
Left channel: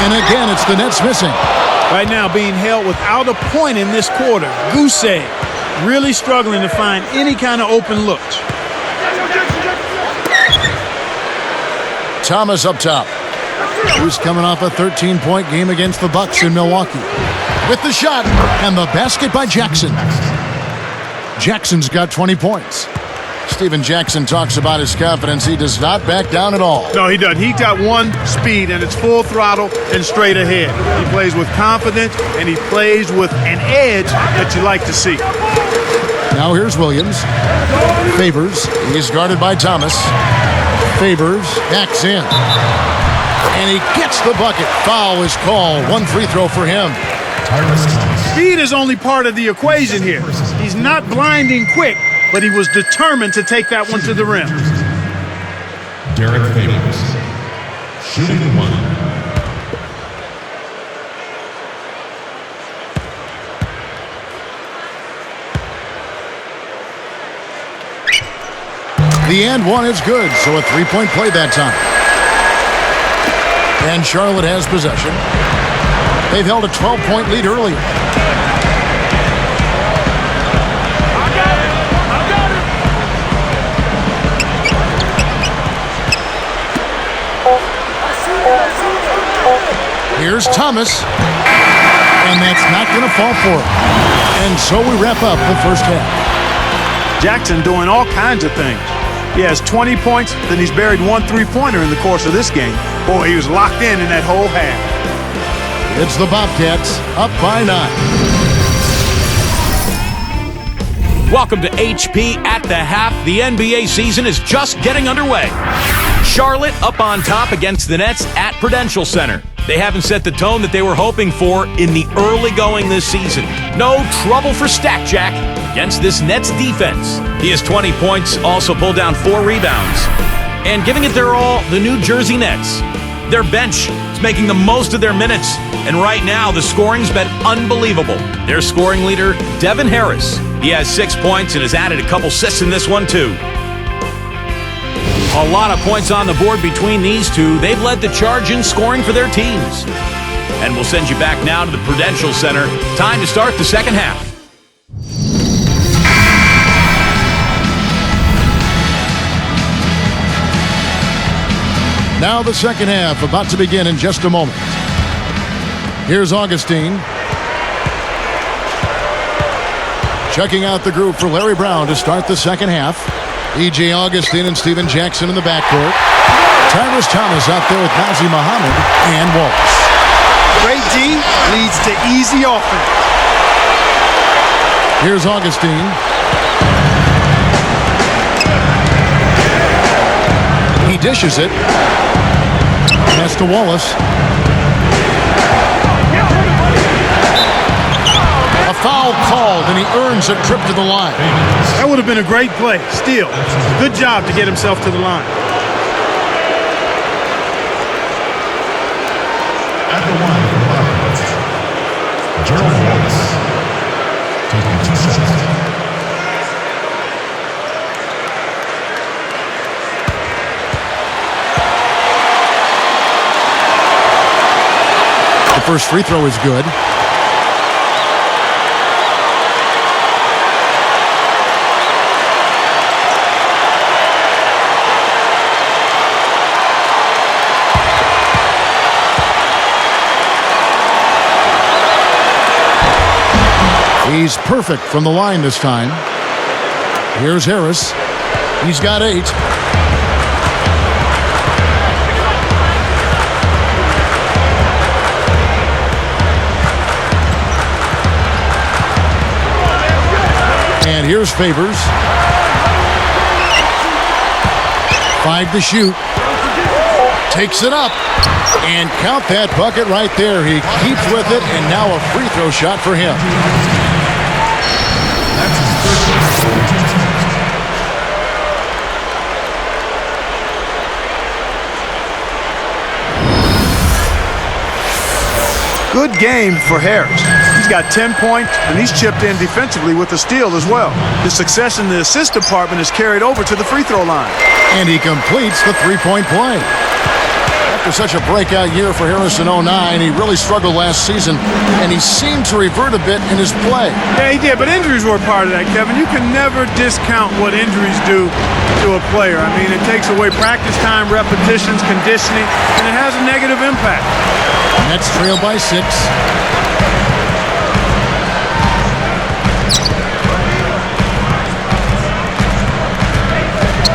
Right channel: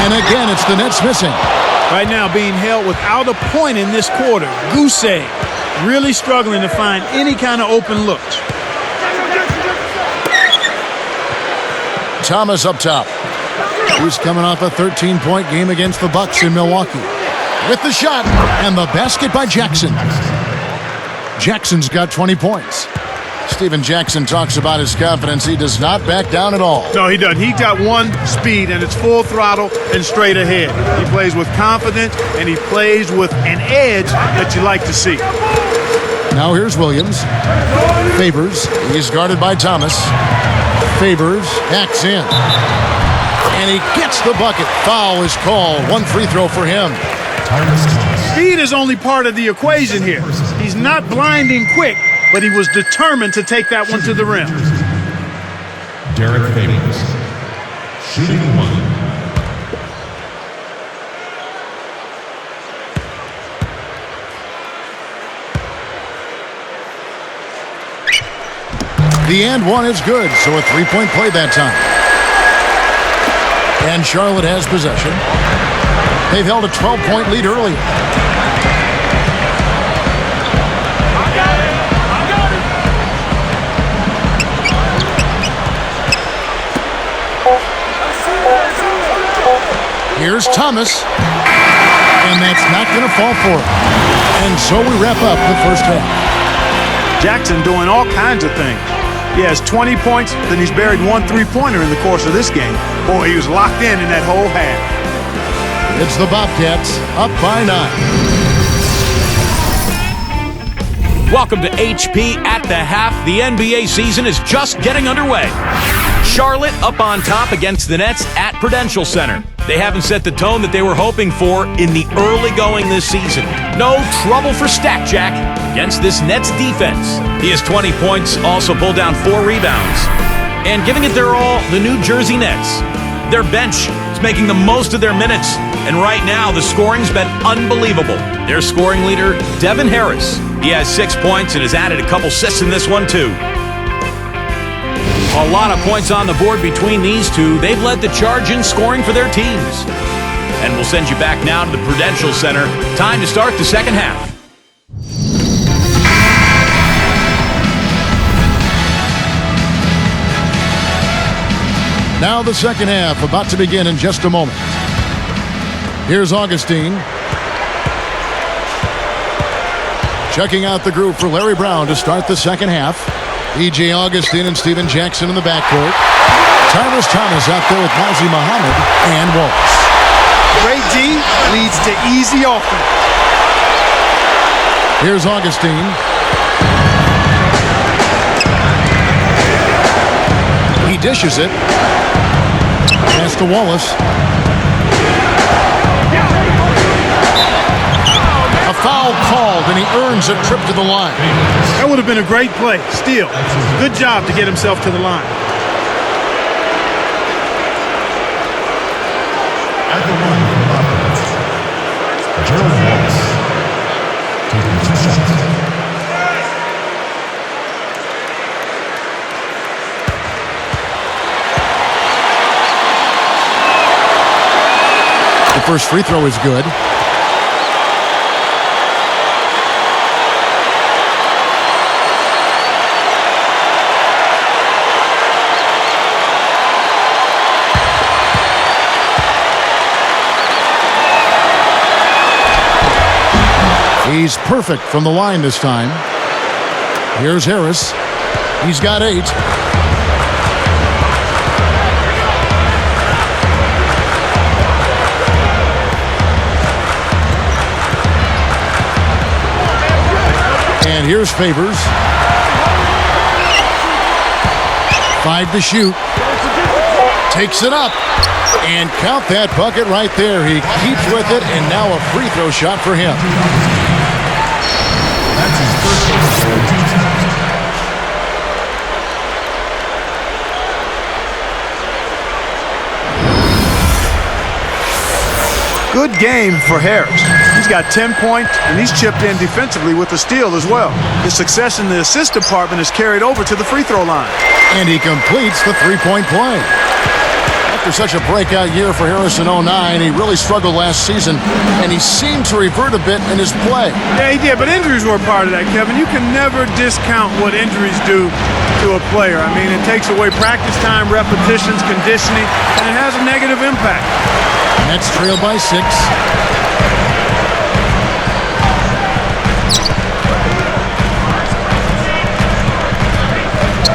And again, it's the Nets missing. Right now being held without a point in this quarter. Goose egg. Really struggling to find any kind of open looks. Thomas up top. He's coming off a 13-point game against the Bucks in Milwaukee. With the shot, and the basket by Jackson. Jackson's got 20 points. Steven Jackson talks about his confidence. He does not back down at all. No, he doesn't. He got one speed, and it's full throttle and straight ahead. He plays with confidence, and he plays with an edge that you like to see. Now here's Williams. Favors. He's guarded by Thomas. Favors. Backs in. And he gets the bucket. Foul is called. One free throw for him. Tyrus Thomas. Speed is only part of the equation here. He's not blinding quick, but he was determined to take that one to the rim. Derek Favors. Shooting one. The and one is good, so a three-point play that time. And Charlotte has possession. They've held a 12-point lead earlier. I got it. Here's Thomas. And that's not going to fall for him. And so we wrap up the first half. Jackson doing all kinds of things. He has 20 points, then he's buried one three-pointer in the course of this game. Boy, he was locked in that whole half. It's the Bobcats up by 9. Welcome to HP at the half. The NBA season is just getting underway. Charlotte up on top against the Nets at Prudential Center. They haven't set the tone that they were hoping for in the early going this season. No trouble for Stack Jack against this Nets defense. He has 20 points, also pulled down 4 rebounds. And giving it their all, the New Jersey Nets. Their bench is making the most of their minutes. And right now, the scoring's been unbelievable. Their scoring leader, Devin Harris. He has 6 points and has added a couple assists in this one, too. A lot of points on the board between these two. They've led the charge in scoring for their teams. And we'll send you back now to the Prudential Center. Time to start the second half. Now the second half about to begin in just a moment. Here's Augustine. Checking out the group for Larry Brown to start the second half. E.J. Augustine and Steven Jackson in the backcourt. Tyrus Thomas out there with Nazi Muhammad and Wallace. Great D leads to easy offense. Here's Augustine. He dishes it. Pass to Wallace. A foul called, and he earns a trip to the line. That would have been a great play. Still, good job to get himself to the line. At the line for the Bobcats, Gerald Wallace. Taking 2 shots. The first free throw is good. He's perfect from the line this time. Here's Harris. He's got 8. And here's Favors. 5 to shoot. Takes it up. And count that bucket right there. He keeps with it, and now a free throw shot for him. Good game for Harris. He's got 10 points, and he's chipped in defensively with a steal as well. His success in the assist department is carried over to the free throw line. And he completes the three-point play. After such a breakout year for Harris in 09, he really struggled last season, and he seemed to revert a bit in his play. Yeah, he did, but injuries were a part of that, Kevin. You can never discount what injuries do to a player. I mean, it takes away practice time, repetitions, conditioning, and it has a negative impact. Nets trail by 6.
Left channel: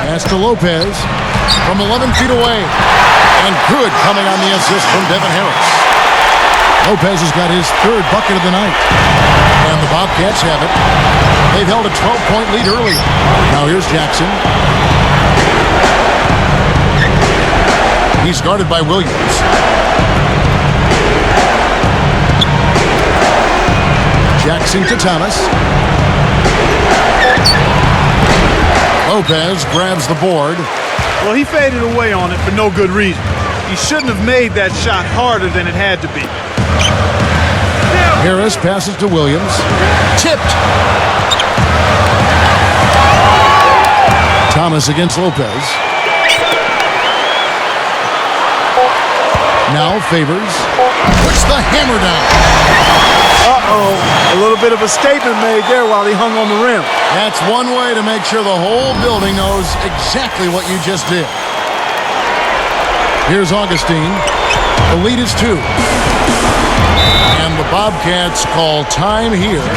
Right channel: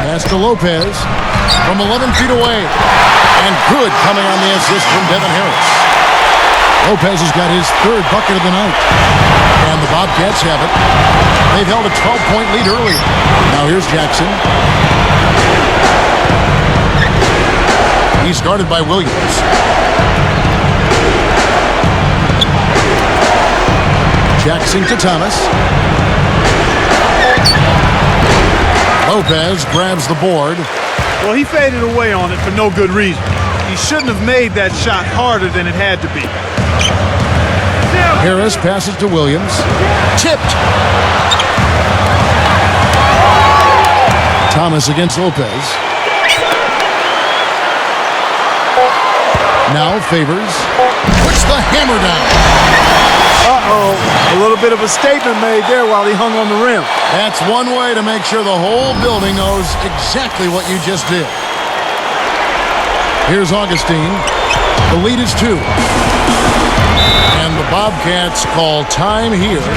Pass to Lopez from 11 feet away. And good coming on the assist from Devin Harris. Lopez has got his 3rd bucket of the night. And the Bobcats have it. They've held a 12-point lead earlier. Now here's Jackson. He's guarded by Williams. Jackson to Thomas. Lopez grabs the board. Well, he faded away on it for no good reason. He shouldn't have made that shot harder than it had to be. Harris passes to Williams. Tipped. Thomas against Lopez. Now Favors. Puts the hammer down. Uh-oh. A little bit of a statement made there while he hung on the rim. That's one way to make sure the whole building knows exactly what you just did. Here's Augustine. The lead is 2. And the Bobcats call time here.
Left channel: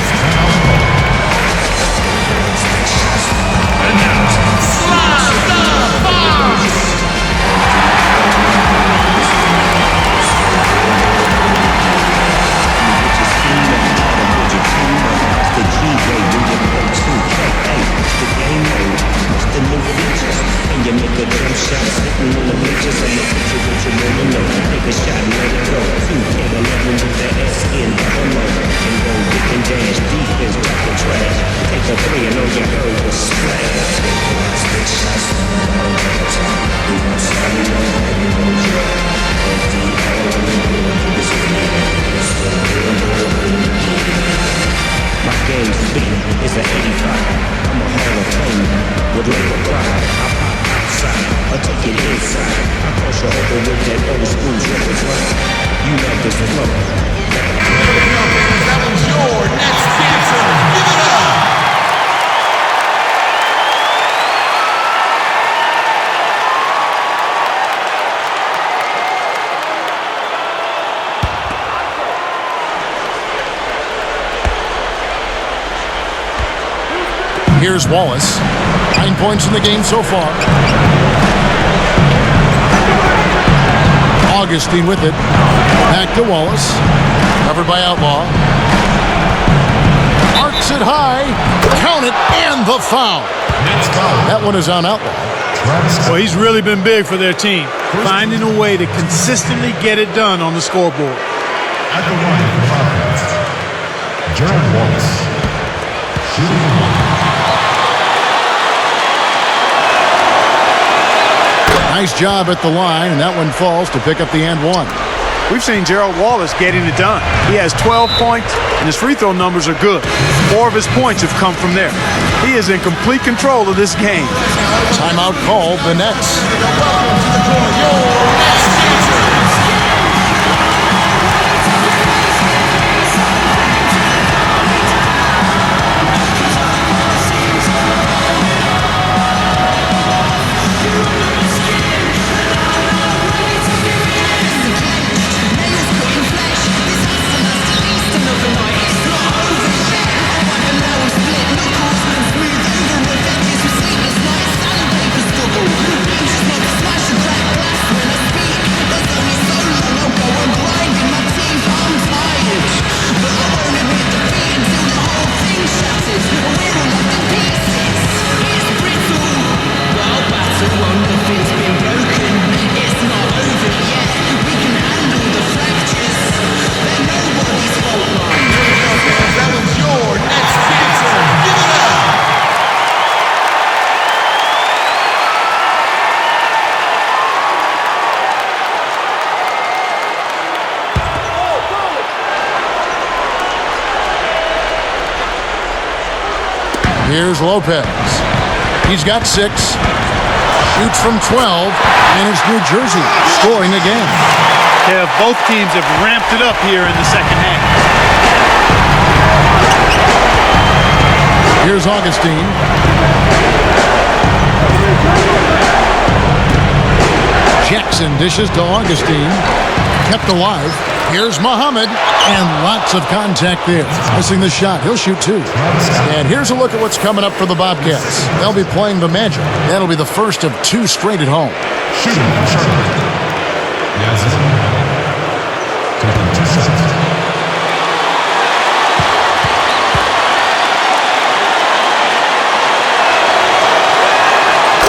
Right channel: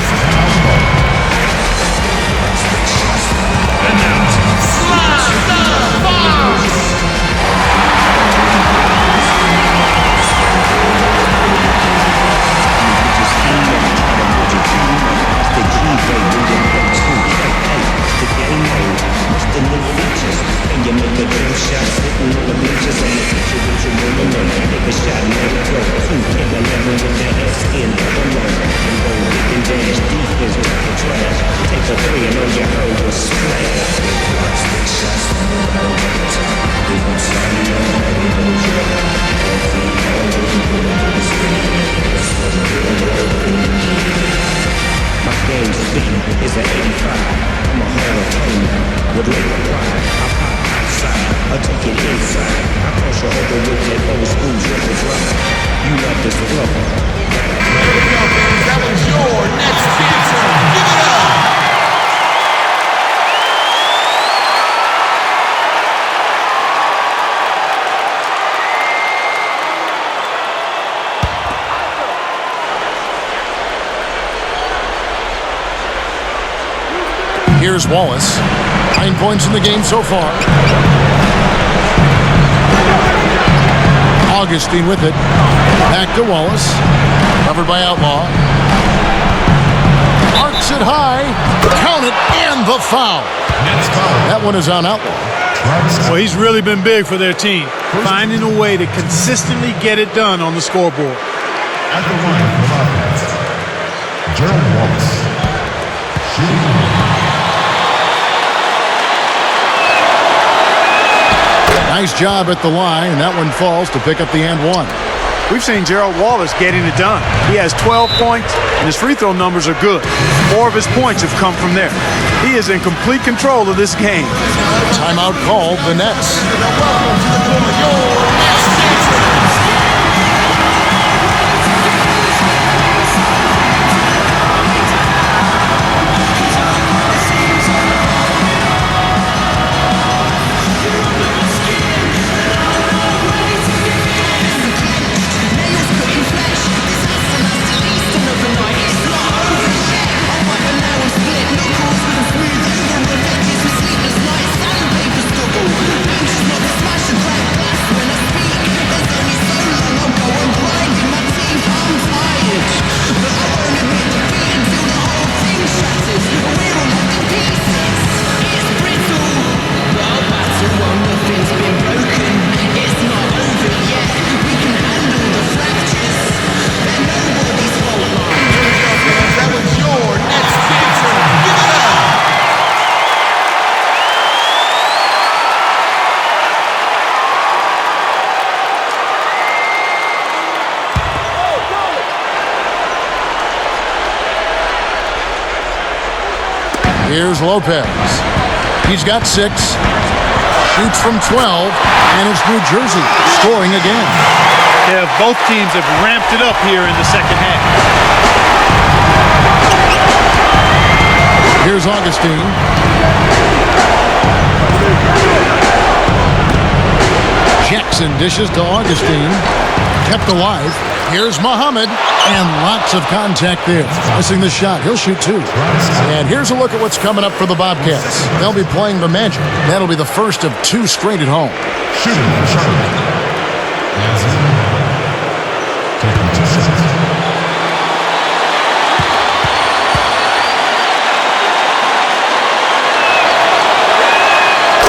Here's Wallace. 9 points in the game so far. Augustine with it. Back to Wallace. Covered by Outlaw. Arcs it high. Count it, and the foul. That one is on Outlaw. Well, he's really been big for their team, finding a way to consistently get it done on the scoreboard. At the line, Gerald Wallace. Shooting. Nice job at the line, and that one falls to pick up the and one. We've seen Gerald Wallace getting it done. He has 12 points, and his free throw numbers are good. 4 of his points have come from there. He is in complete control of this game. Timeout called, the Nets. Here's Lopez. He's got 6. Shoots from 12. And it's New Jersey scoring again. Yeah, both teams have ramped it up here in the second half. Here's Augustine. Jackson dishes to Augustine. Kept alive. Here's Muhammad. And lots of contact there. Missing the shot. He'll shoot 2. And here's a look at what's coming up for the Bobcats. They'll be playing the Magic. That'll be the first of 2 straight at home. Shooting for Charlotte. Taking 2 shots.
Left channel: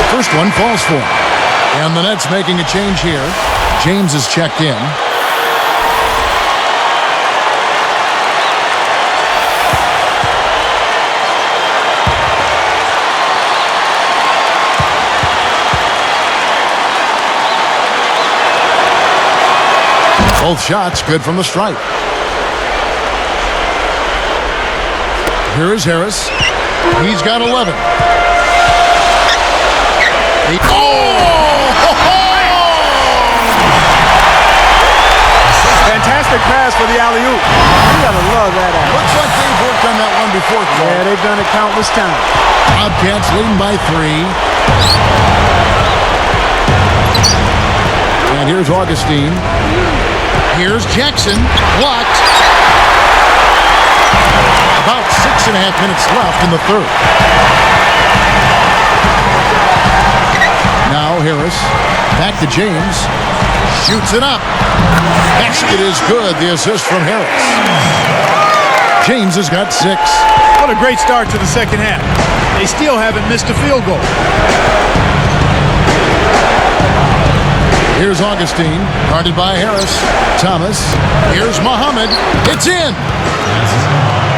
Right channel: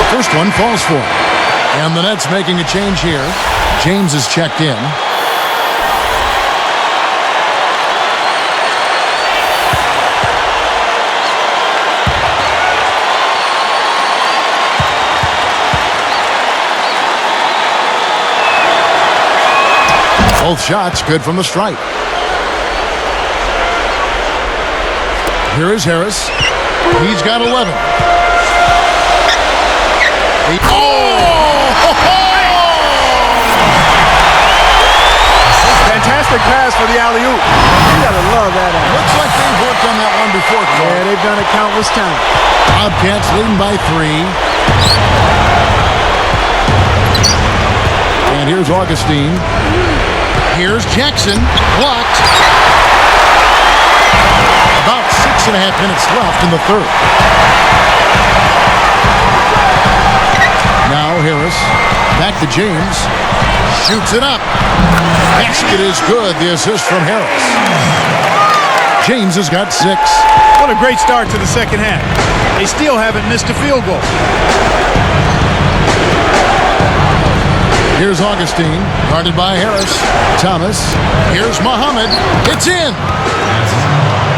First one falls for him. And the Nets making a change here. James is checked in. Both shots good from the stripe. Here is Harris. He's got 11. Fantastic pass for the alley-oop. You gotta love that act. Looks like they've worked on that one before, Clark. Yeah, they've done it countless times. Bobcats leading by 3. And here's Augustine. Here's Jackson. Blocked. About 6.5 minutes left in the third. Now Harris. Back to James. Shoots it up. Basket is good. The assist from Harris. James has got 6. What a great start to the second half. They still haven't missed a field goal. Here's Augustine, guarded by Harris. Thomas. Here's Muhammad. It's in.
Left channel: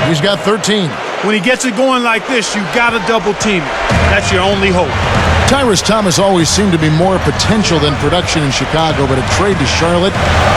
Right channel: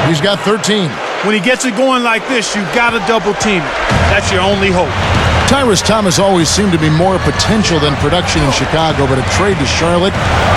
He's got 13. When he gets it going like this, you gotta double team it. That's your only hope. Tyrus Thomas always seemed to be more potential than production in Chicago, but a trade to Charlotte,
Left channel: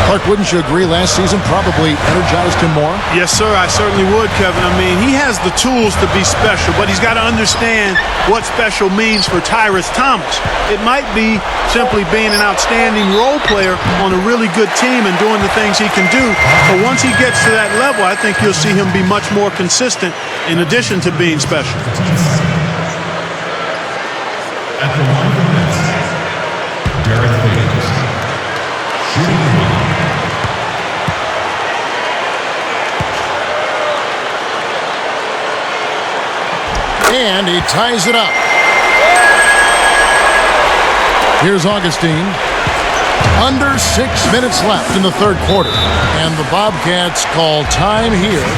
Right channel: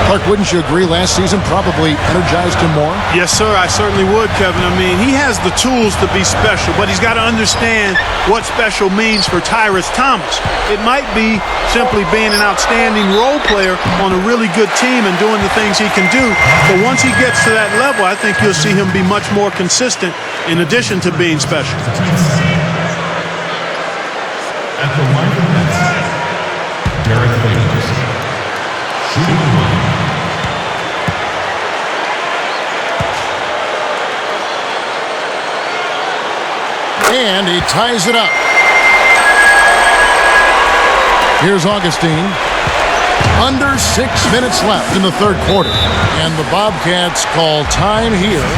Clark, wouldn't you agree last season probably energized him more? Yes, sir, I certainly would, Kevin. I mean, he has the tools to be special, but he's got to understand what special means for Tyrus Thomas. It might be simply being an outstanding role player on a really good team and doing the things he can do. But once he gets to that level, I think you'll see him be much more consistent in addition to being special. At the line of nets, Derek Favors. Shooting one. And he ties it up. Here's Augustine. Under 6 minutes left in the third quarter. And the Bobcats call time here.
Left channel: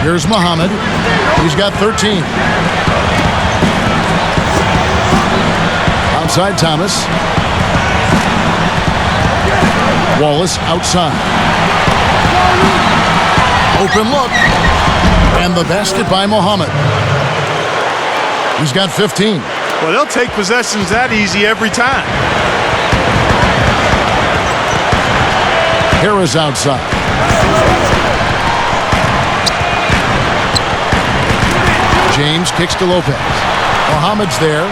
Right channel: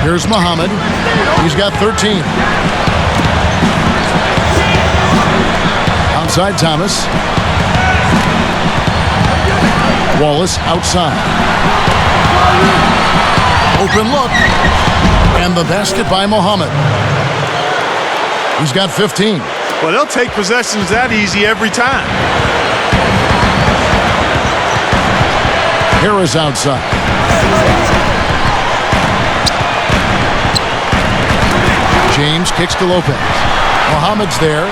Here's Muhammad. He's got 13. Outside Thomas. Wallace outside. Open look. And the basket by Muhammad. He's got 15. Well, they'll take possessions that easy every time. Harris outside. James kicks to Lopez. Mohamed's there.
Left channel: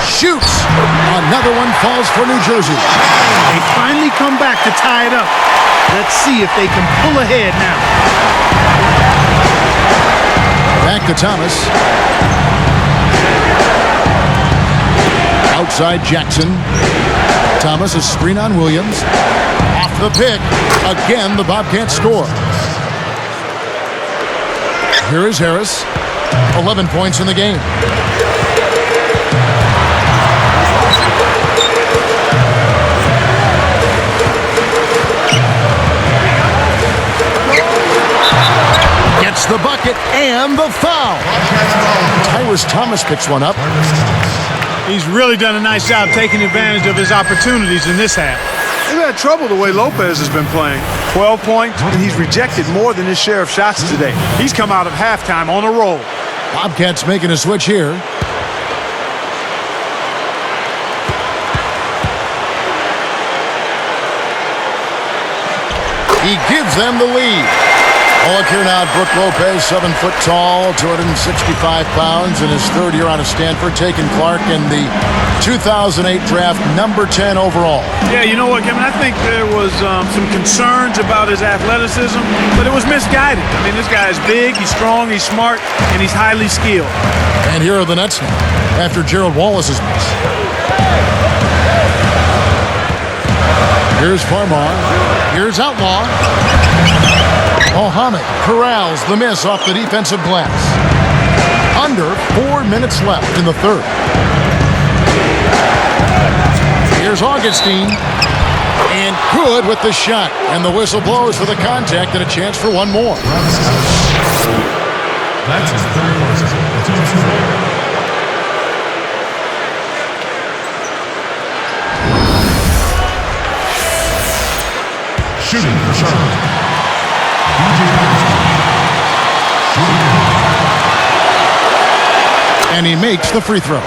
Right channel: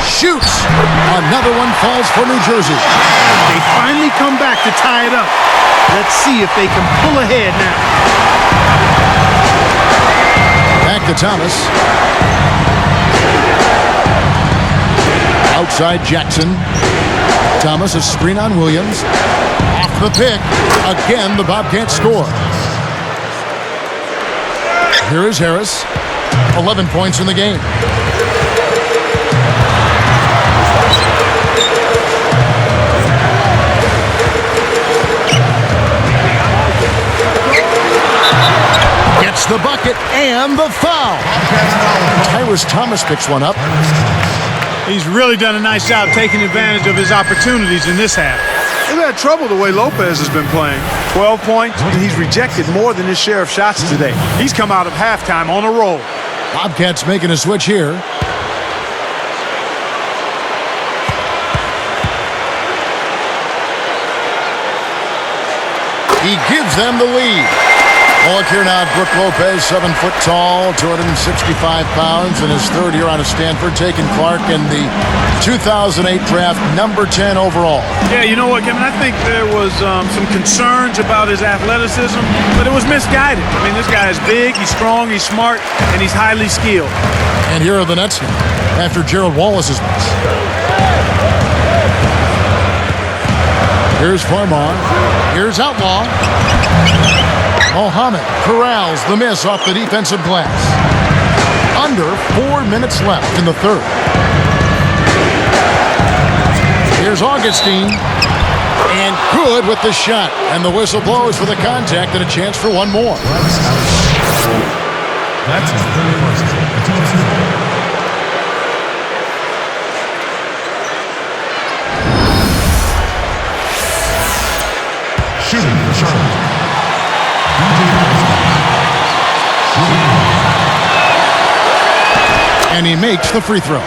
Shoots. Another one falls for New Jersey. They finally come back to tie it up. Let's see if they can pull ahead now. Back to Thomas. Outside Jackson. Thomas, a screen on Williams. Off the pick. Again, the Bobcats score. Here is Harris. 11 points in the game. Gets the bucket and the foul. Tyrus Thomas picks one up. He's really done a nice job taking advantage of his opportunities in this half. They've had trouble the way Lopez has been playing. 12 points, and he's rejected more than his share of shots today. He's come out of halftime on a roll. Bobcats making a switch here. He gives them the lead. Look here now, Brook Lopez, 7 foot tall, 265 pounds, in his third year out of Stanford, taking Clark in the 2008 draft, number 10 overall. Yeah, you know what, Kevin? I think there was some concerns about his athleticism, but it was misguided. I mean, this guy is big, he's strong, he's smart, and he's highly skilled. And here are the Nets now, after Gerald Wallace's miss. Here's Farmar. Here's Outlaw. Mohamed corrals the miss off the defensive glass. Under 4 minutes left in the third. Here's Augustine. And good with the shot. And the whistle blows for the contact and a chance for one more. That's his third person. The team's four. Shooting for Charlotte. And he makes the free throw.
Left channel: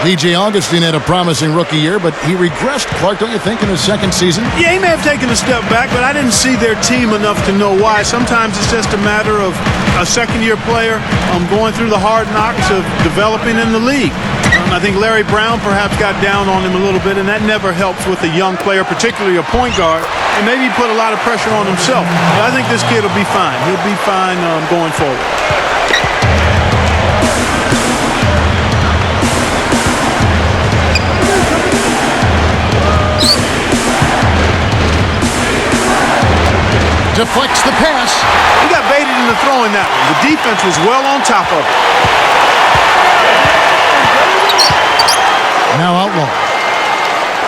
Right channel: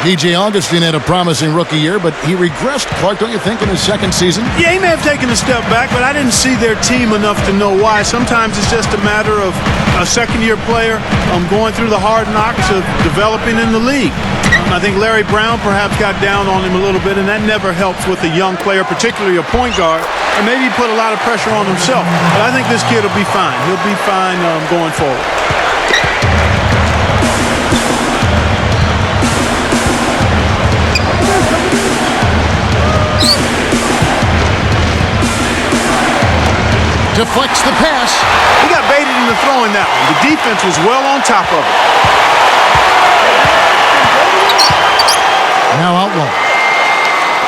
DJ Augustine had a promising rookie year, but he regressed, Clark, don't you think, in his second season? Yeah, he may have taken a step back, but I didn't see their team enough to know why. Sometimes it's just a matter of a second-year player going through the hard knocks of developing in the league. I think Larry Brown perhaps got down on him a little bit, and that never helps with a young player, particularly a point guard, and maybe put a lot of pressure on himself. But I think this kid will be fine. He'll be fine going forward. Deflects the pass. He got baited into throwing that one. The defense was well on top of it. Now Outlaw.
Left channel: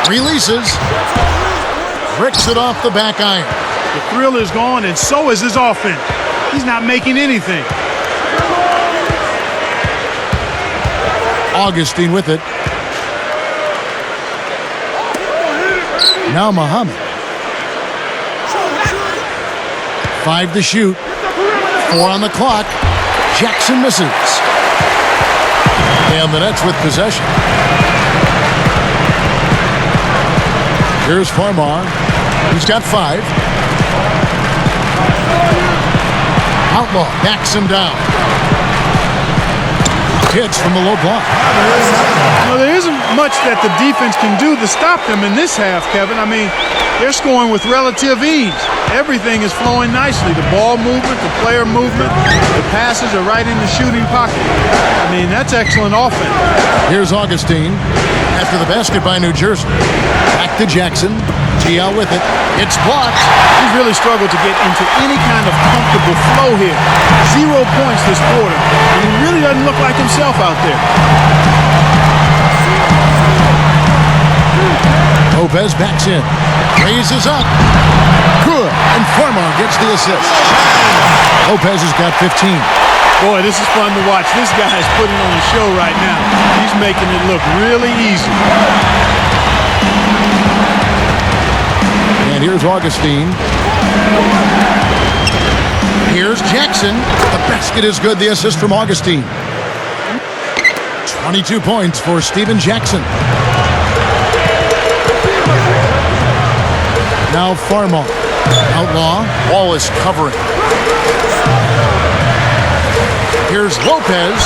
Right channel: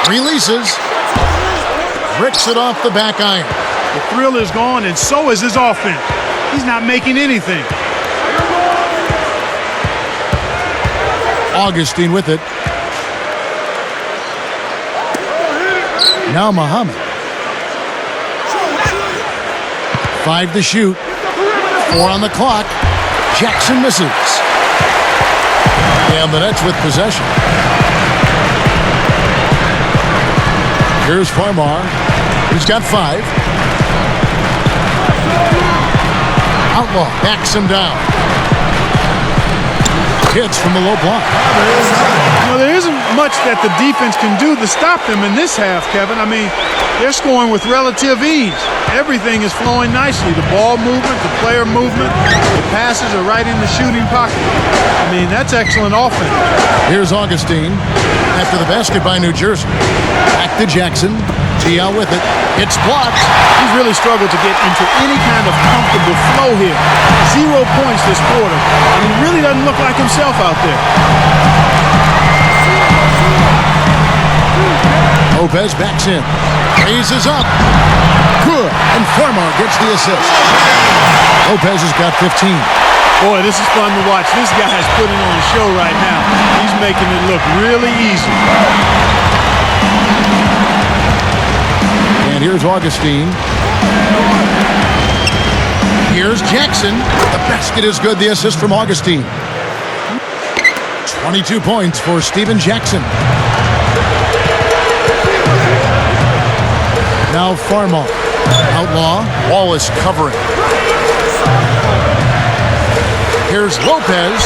Releases. Bricks it off the back iron. The thrill is gone, and so is his offense. He's not making anything. Augustine with it. Now Mohamed. 5 to shoot. 4 on the clock. Jackson misses. And the Nets with possession. Here's Farmar. He's got 5. Outlaw backs him down. Hits from the low block. You know, there isn't much that the defense can do to stop them in this half, Kevin. I mean, they're scoring with relative ease. Everything is flowing nicely. The ball movement, the player movement, the passes are right in the shooting pocket. I mean, that's excellent offense. Here's Augustine after the basket by New Jersey. Back to Jackson. TL with it. It's blocked. He's really struggled to get into any kind of comfortable flow here. 0 points this quarter, and he really doesn't look like himself out there. Lopez backs in. Raises up. Good. And Farmar gets the assist. Lopez has got 15. Boy, this is fun to watch. This guy is putting on a show right now. He's making it look really easy. And here's Augustine. Here's Jackson. The basket is good. The assist from Augustine. 22 points for Steven Jackson. Now Farmar. Outlaw. Wallace covering. Here's Lopez.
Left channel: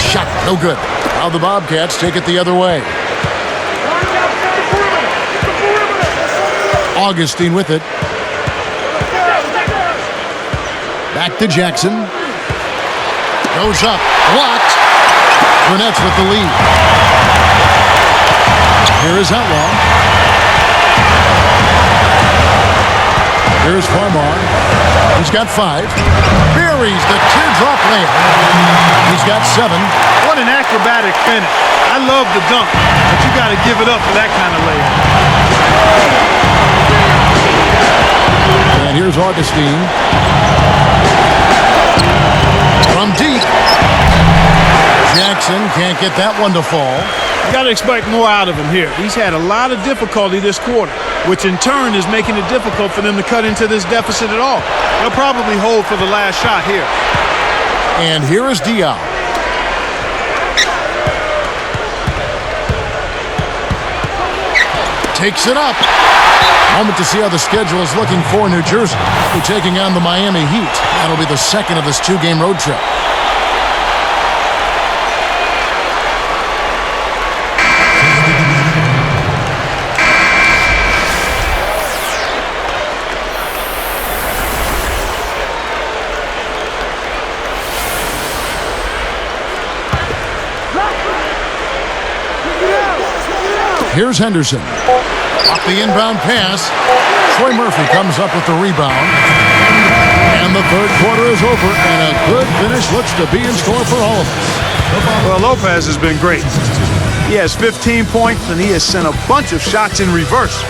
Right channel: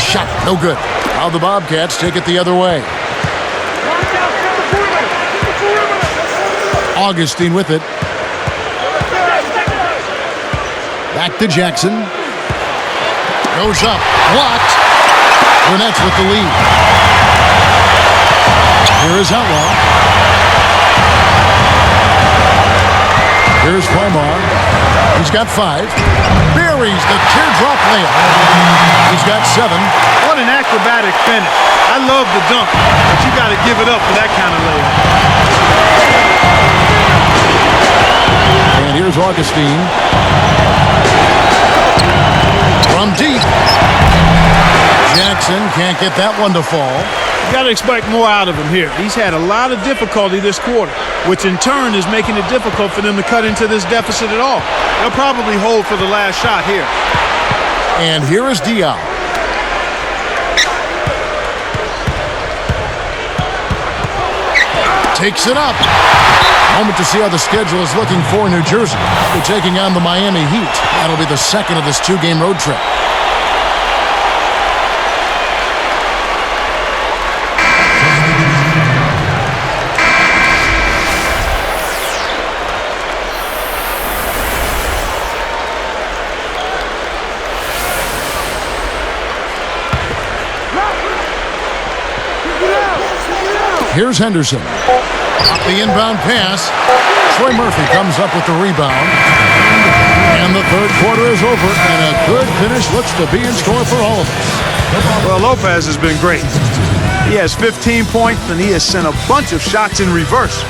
Shot, no good. Now the Bobcats take it the other way. Augustine with it. Back to Jackson. Goes up. Blocked. The Nets with the lead. Here is Outlaw. Here's Farmar. He's got 5. Buries the teardrop layup. He's got 7. What an acrobatic finish. I love the dunk, but you got to give it up for that kind of layup. And here's Augustine. From deep. Jackson can't get that one to fall. You got to expect more out of him here. He's had a lot of difficulty this quarter, which in turn is making it difficult for them to cut into this deficit at all. They'll probably hold for the last shot here. And here is Diaw. Takes it up. Moment to see how the schedule is looking for New Jersey. They'll be taking on the Miami Heat. That'll be the second of this 2-game road trip. Here's Henderson. Off the inbound pass. Troy Murphy comes up with the rebound. And the third quarter is over, and a good finish looks to be in store for all of us. Well, Lopez has been great. He has 15 points, and he has sent a bunch of shots in reverse.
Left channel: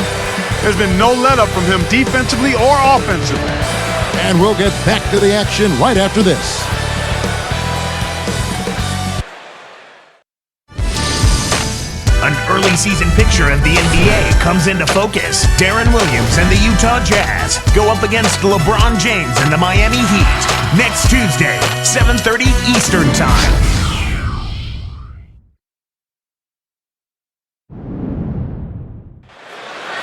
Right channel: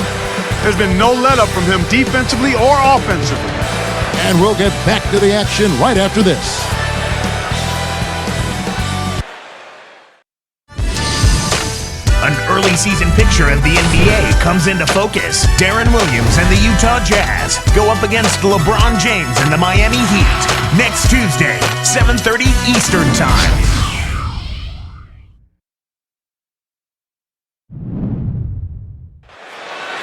There's been no let-up from him defensively or offensively. And we'll get back to the action right after this. An early season picture of the NBA comes into focus. Darren Williams and the Utah Jazz go up against LeBron James and the Miami Heat next Tuesday, 7:30 Eastern Time.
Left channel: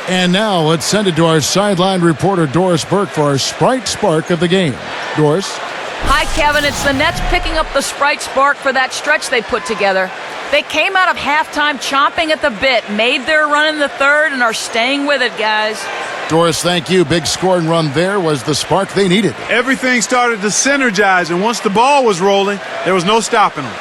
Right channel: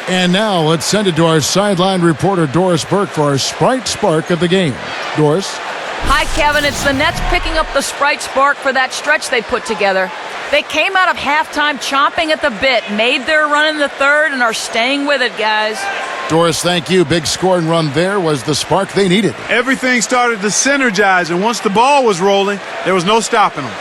And now let's send it to our sideline reporter Doris Burke for our Sprite Spark of the game. Doris? Hi, Kevin. It's the Nets picking up the Sprite Spark for that stretch they put together. They came out of halftime chomping at the bit, made their run in the third, and are staying with it, guys. Doris, thank you. Big scoring run there was the spark they needed. Everything started to synergize, and once the ball was rolling, there was no stopping them.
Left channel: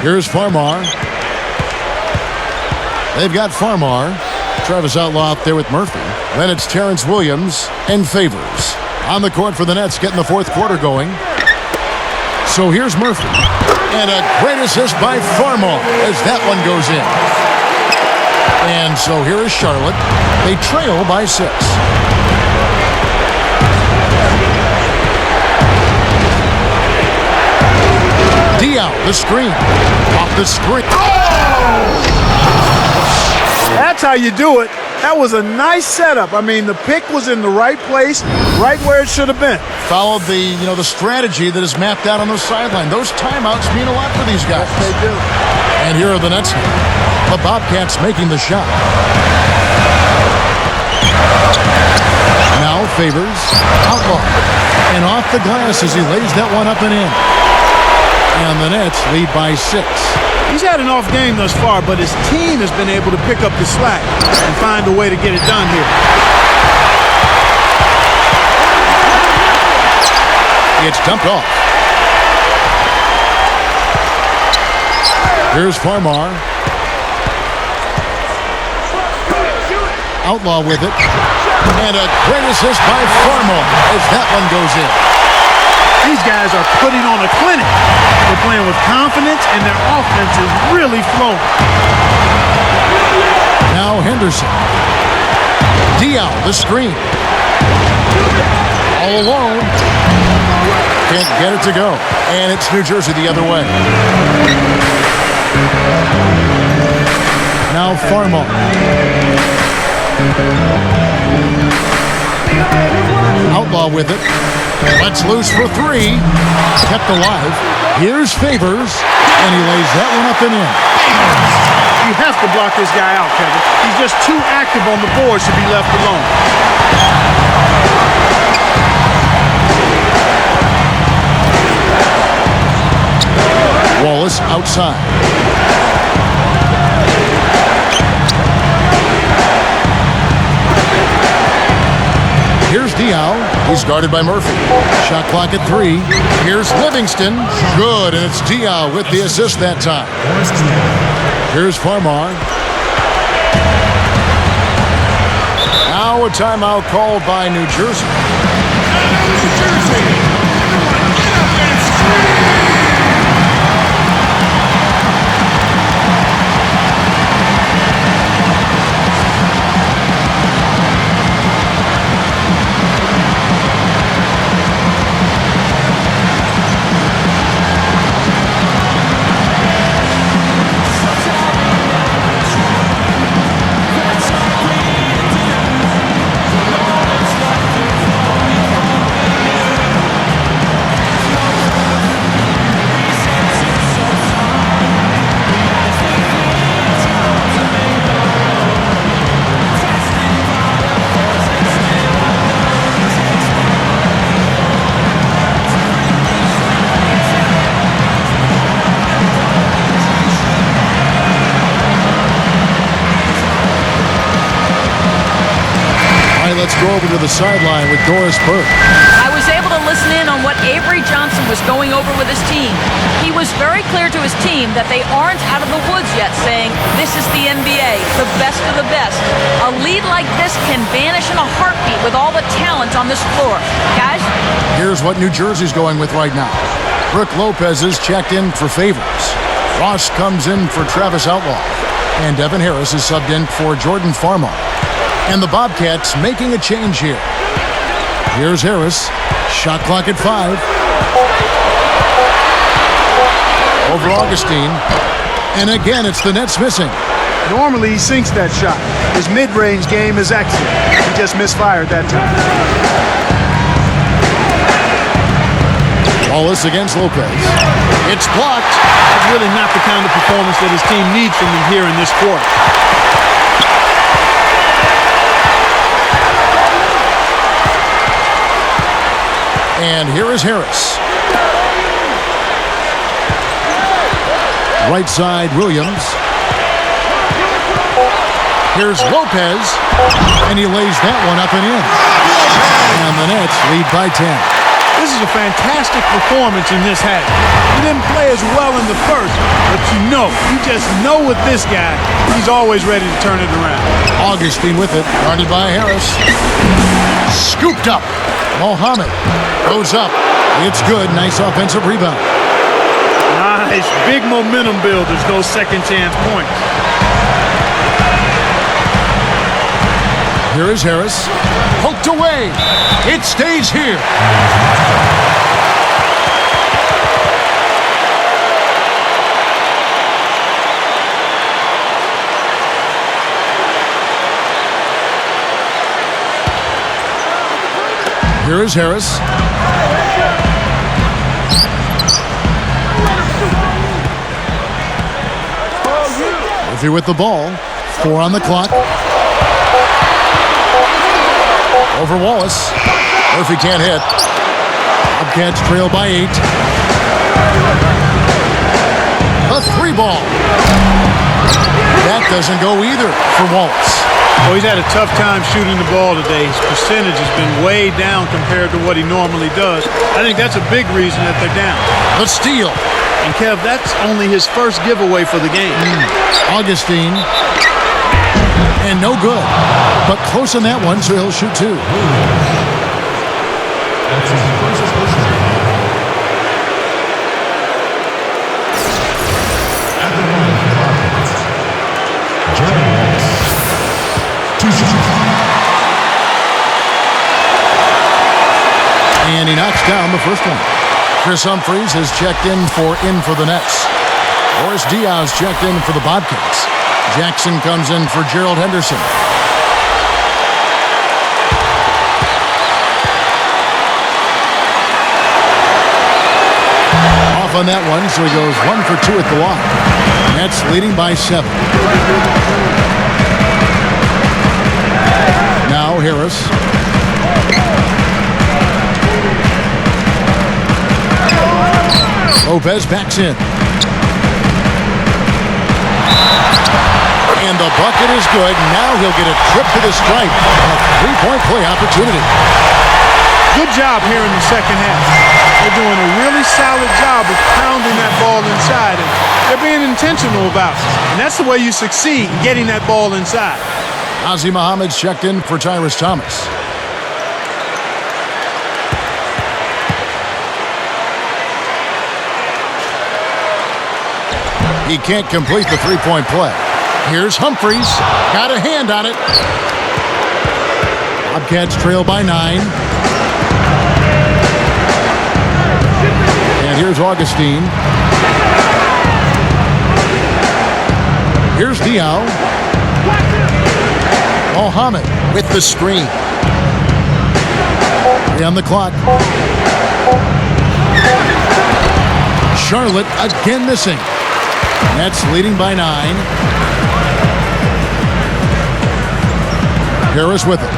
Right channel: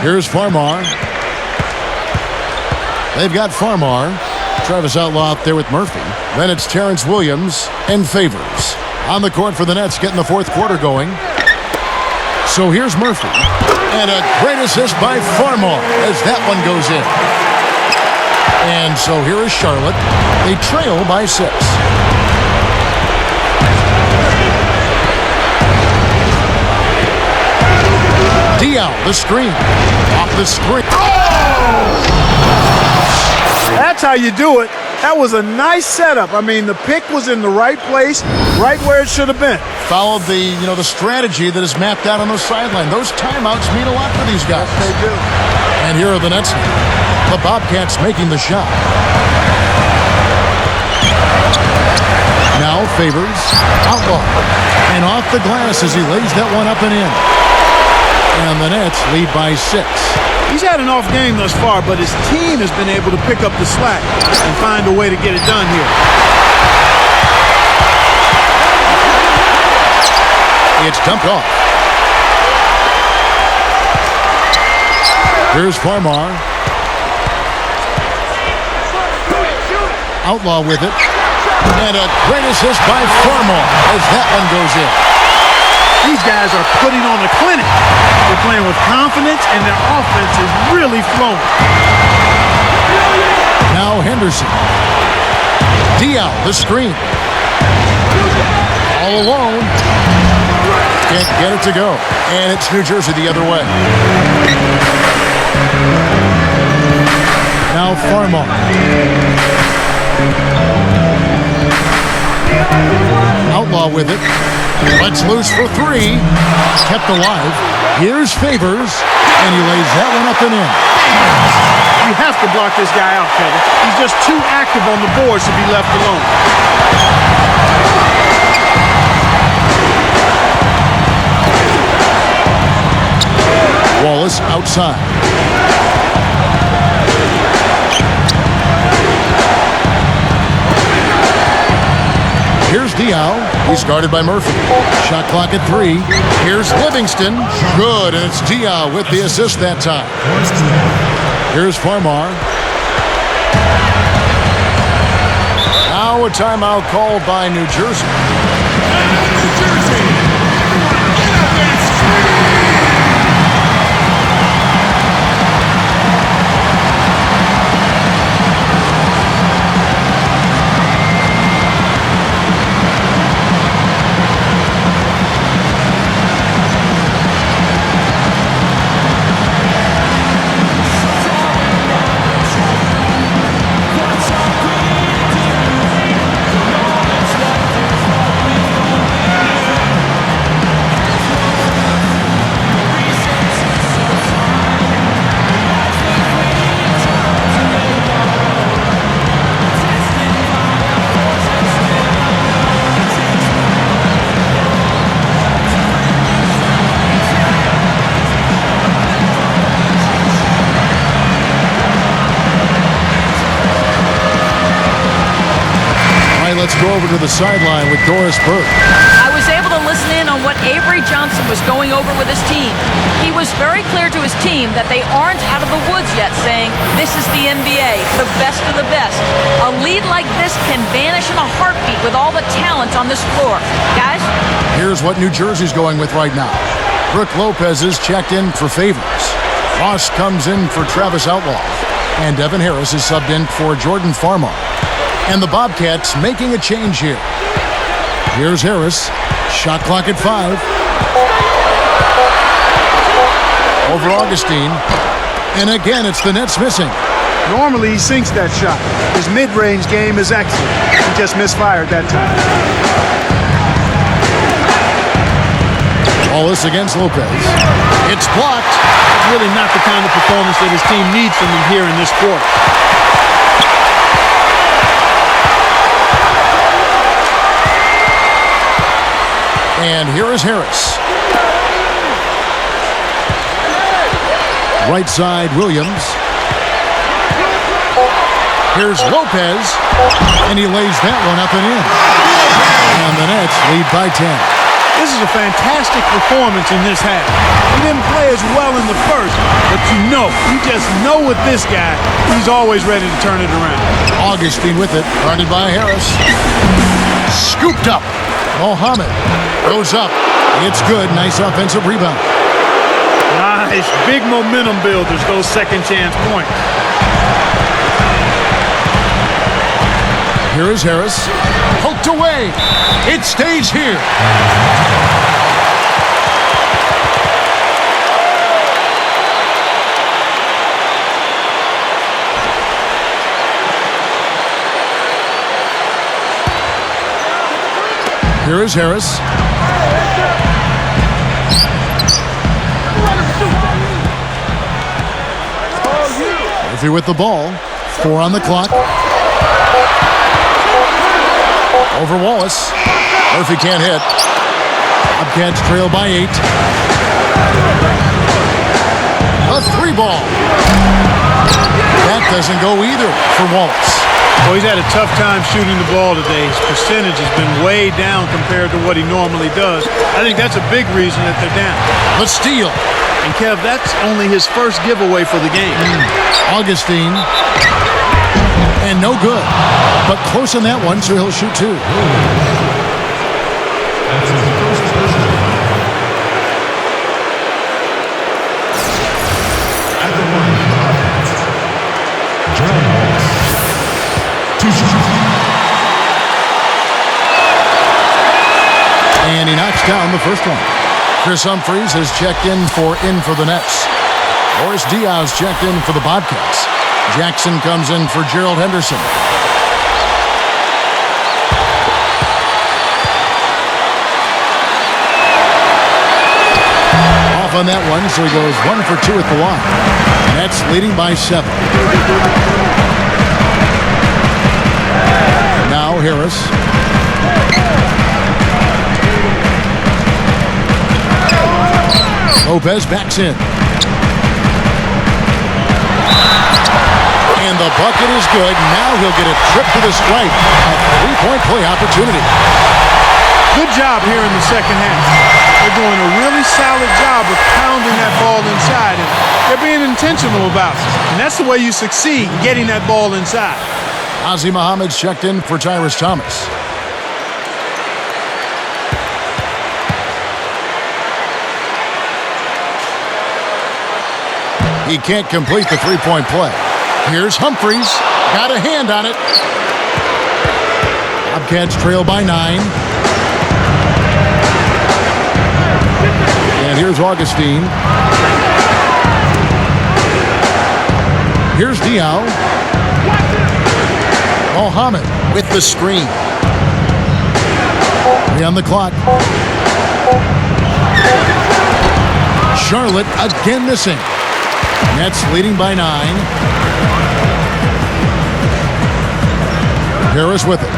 Here's Farmar. They've got Farmar. Travis Outlaw up there with Murphy. Then it's Terrence Williams and Favors. On the court for the Nets, getting the fourth quarter going. So here's Murphy. And a great assist by Farmar as that one goes in. And so here is Charlotte. They trail by 6. Diaw, the screen. Off the screen. Oh! That's how you do it. That was a nice setup. I mean, the pick was in the right place, right where it should have been. Followed the strategy that is mapped out on the sideline. Those timeouts mean a lot for these guys. Yes, they do. And here are the Nets now. The Bobcats making the shot. Now Favors, Outlaw, and off the glass as he lays that one up and in. And the Nets lead by 6. He's had an off game thus far, but his team has been able to pick up the slack and find a way to get it done here. It's dumped off. Here's Farmar. Outlaw with it. And a great assist by Farmar as that one goes in. These guys are putting on a clinic. They're playing with confidence, and their offense is really flowing. Now Henderson. Diaw, the screen. All alone. Can't get it to go. And it's New Jersey the other way. Now Farmar. Outlaw with it. Lets loose for three. Kept alive. Here's Favors, and he lays that one up and in. You have to block this guy out, Kevin. He's just too active on the boards to be left alone. Wallace outside. Here's Diao. He's guarded by Murphy. Shot clock at 3. Here's Livingston. Good, and it's Diao with the assist that time. Here's Farmar. Now a timeout called by New Jersey. All right, let's go over to the sideline with Doris Burke. I was able to listen in on what Avery Johnson was going over with his team. He was very clear to his team that they aren't out of the woods yet, saying, this is the NBA, the best of the best. A lead like this can vanish in a heartbeat with all the talent on this floor. Guys? Here's what New Jersey's going with right now. Brook Lopez is checked in for Favors. Ross comes in for Travis Outlaw. And Devin Harris is subbed in for Jordan Farmar. And the Bobcats making a change here. Here's Harris. Shot clock at 5. Over Augustine. And again, it's the Nets missing. Normally, he sinks that shot. His mid-range game is excellent. He just misfired that time. Wallace against Lopez. It's blocked. That's really not the kind of performance that his team needs from him here in this quarter. And here is Harris. Right side, Williams. Here's Lopez. And he lays that one up and in. And the Nets lead by 10. This is a fantastic performance in this half. He didn't play as well in the first, but you just know with this guy, he's always ready to turn it around. Augustine with it, guarded by Harris. Scooped up. Mohammed goes up. It's good. Nice offensive rebound. Nice. Big momentum builders, those second chance points. Here is Harris. Poked away. It stays here. Here is Harris. Murphy with the ball. 4 on the clock. Over Wallace. Murphy can't hit. Bobcats trail by 8. A 3-ball. That doesn't go either for Wallace. Well, he's had a tough time shooting the ball today. His percentage has been way down compared to what he normally does. I think that's a big reason that they're down. The steal. And Kev, that's only his first giveaway for the game. Augustine. And no good. But close on that one, so he'll shoot 2. That's his first personal. At the line for Bobcats, Gerald Wallace. 2 shots. And he knocks down the first one. Chris Humphries has checked in for the Nets. Boris Diaz checked in for the Bobcats. Jackson comes in for Gerald Henderson. off on that one, so he goes 1 for 2 at the line. Nets leading by 7. Now Harris. Lopez backs in. And the bucket is good. Now he'll get a trip to the stripe. A three-point play opportunity. Good job here in the second half. They're doing a really solid job of pounding that ball inside, and they're being intentional about it. And that's the way you succeed, getting that ball inside. Ozzie Muhammad's checked in for Tyrus Thomas. He can't complete the three-point play. Here's Humphries. Got a hand on it. Bobcats trail by 9. And here's Augustine. Here's Diaw. Mohammed with the screen. 3 on the clock. Charlotte again missing. Nets leading by 9. Harris with it.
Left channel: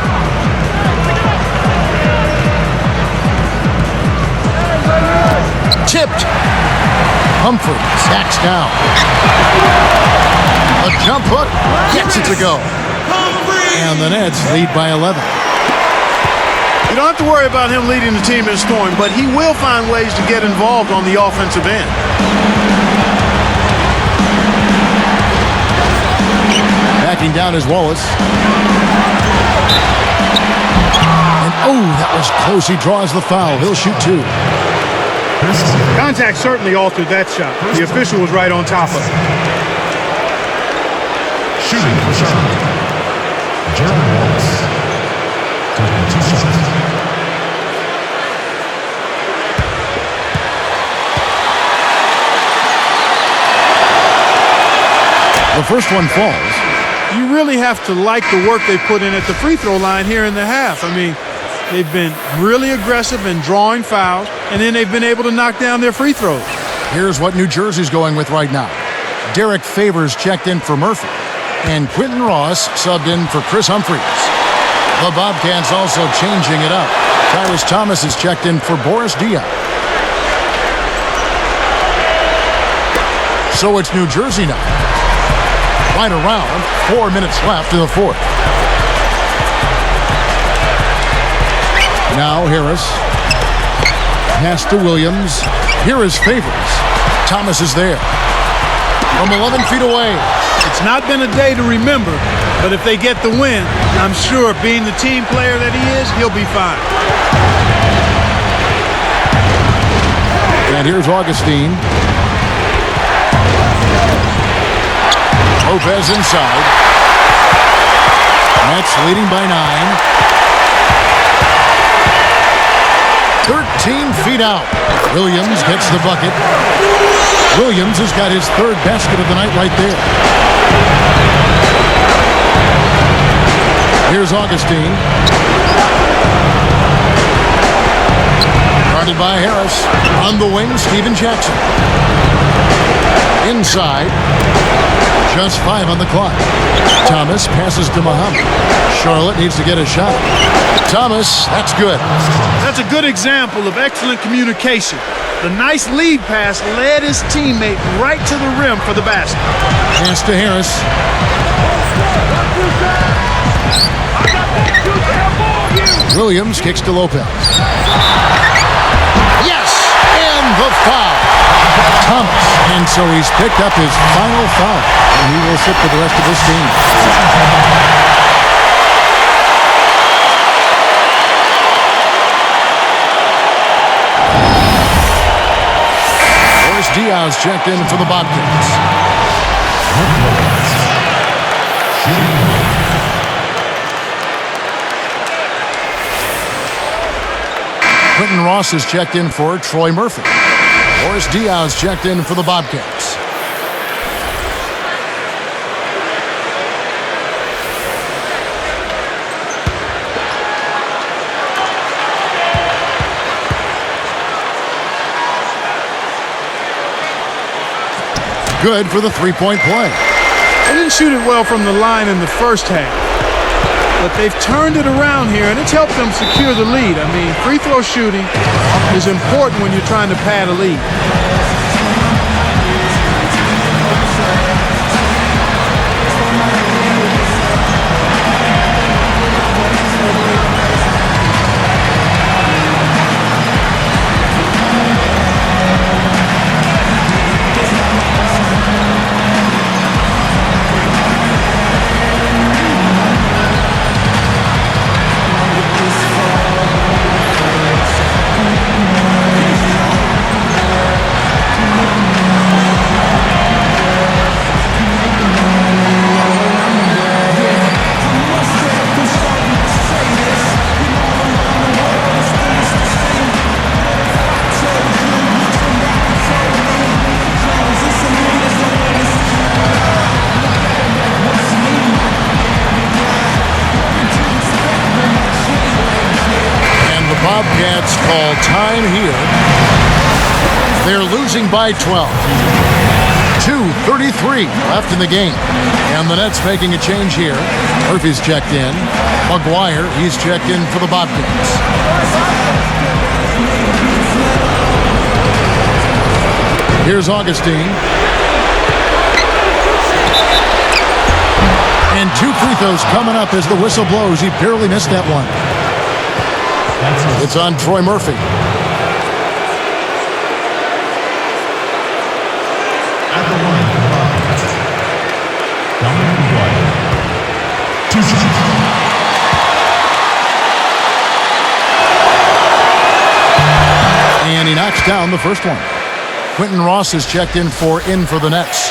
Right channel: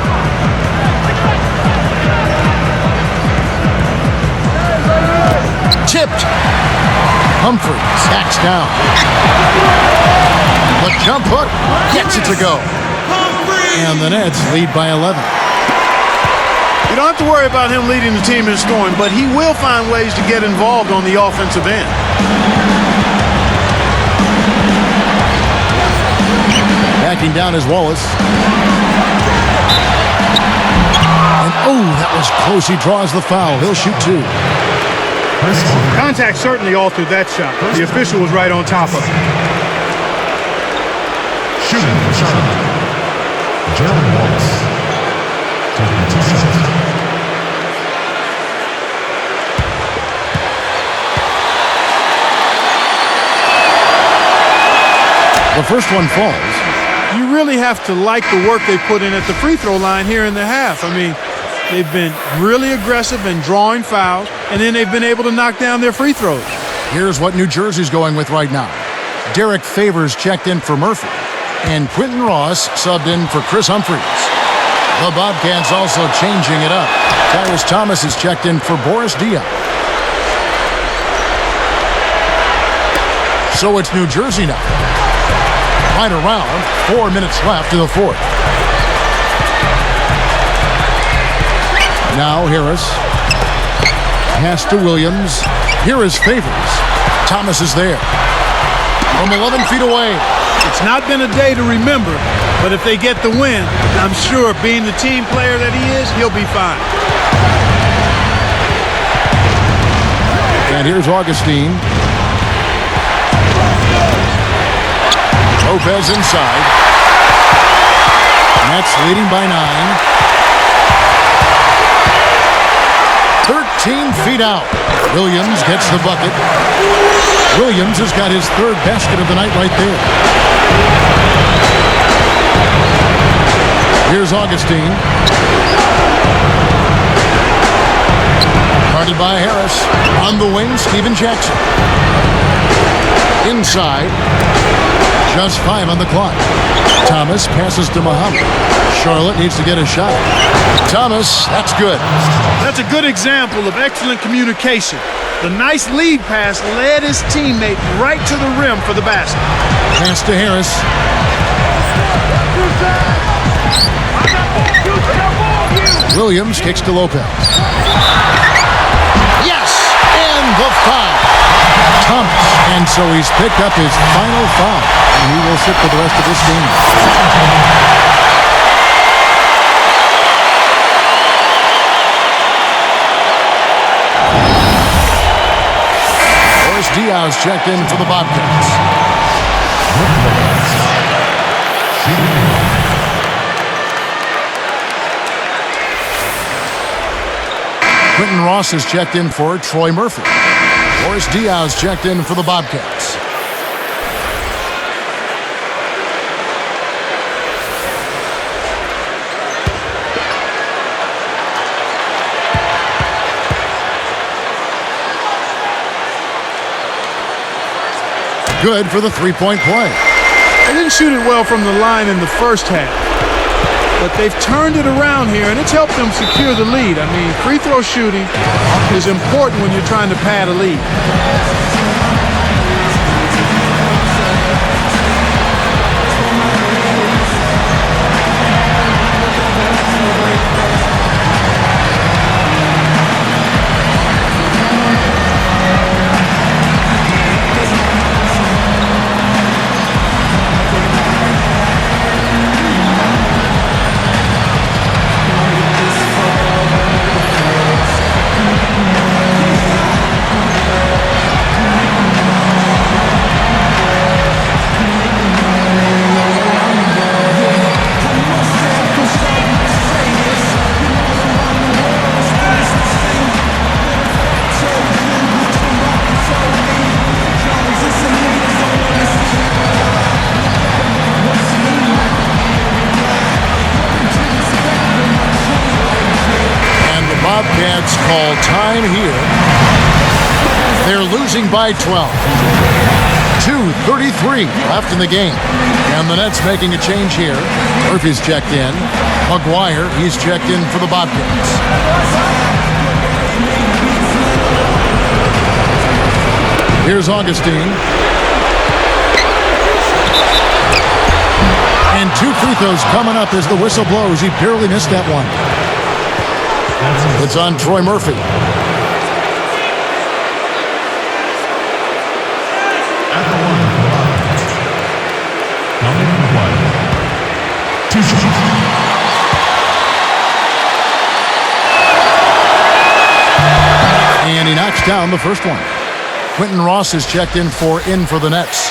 Tipped. Humphries backs down. The jump hook gets it to go. And the Nets lead by 11. You don't have to worry about him leading the team in scoring, but he will find ways to get involved on the offensive end. Backing down is Wallace. And that was close. He draws the foul. He'll shoot 2. Contact certainly altered that shot. The official was right on top of it. Shooting for Charlotte. Gerald Wallace. Taking 2 shots. The first one falls. You really have to like the work they put in at the free throw line here in the half. I mean, they've been really aggressive in drawing fouls, and then they've been able to knock down their free throws. Here's what New Jersey's going with right now. Derek Favors checked in for Murphy, and Quentin Ross subbed in for Chris Humphries. The Bobcats also changing it up. Tyrus Thomas is checked in for Boris Diaw. So it's New Jersey now. Right around 4 minutes left in the fourth. Now Harris. Pass to Williams. Here is Favors. Thomas is there. From 11 feet away. It's not been a day to remember, but if they get the win, I'm sure being the team player that he is, he'll be fine. And here's Augustine. Lopez inside. Nets leading by 9. 13 feet out. Williams gets the bucket. Williams has got his 3rd basket of the night right there. Here's Augustine. Guarded by Harris. On the wing, Steven Jackson. Inside. Just 5 on the clock. Thomas passes to Muhammad. Charlotte needs to get a shot. Thomas, that's good. That's a good example of excellent communication. The nice lead pass led his teammate right to the rim for the basket. Pass to Harris. Williams kicks to Lopez. Yes! And the foul. Thomas. And so he's picked up his final foul. And he will sit for the rest of this game. Boris Diaw's checked in for the Bobcats. Quentin Ross is checked in for Troy Murphy. Boris Diaw's checked in for the Bobcats. good for the three-point play. They didn't shoot it well from the line in the first half, but they've turned it around here, and it's helped them secure the lead. I mean, free throw shooting is important when you're trying to pad a lead. And the Bobcats call time here. They're losing by 12. 2:33 left in the game. And the Nets making a change here. Murphy's checked in. McGuire, he's checked in for the Bobcats. Here's Augustine. And 2 free throws coming up as the whistle blows. He barely missed that one. It's on Troy Murphy. At the line for Bobcats, Dominic McGuire, 2 shots. And he knocks down the first one. Quentin Ross is checked in for the Nets.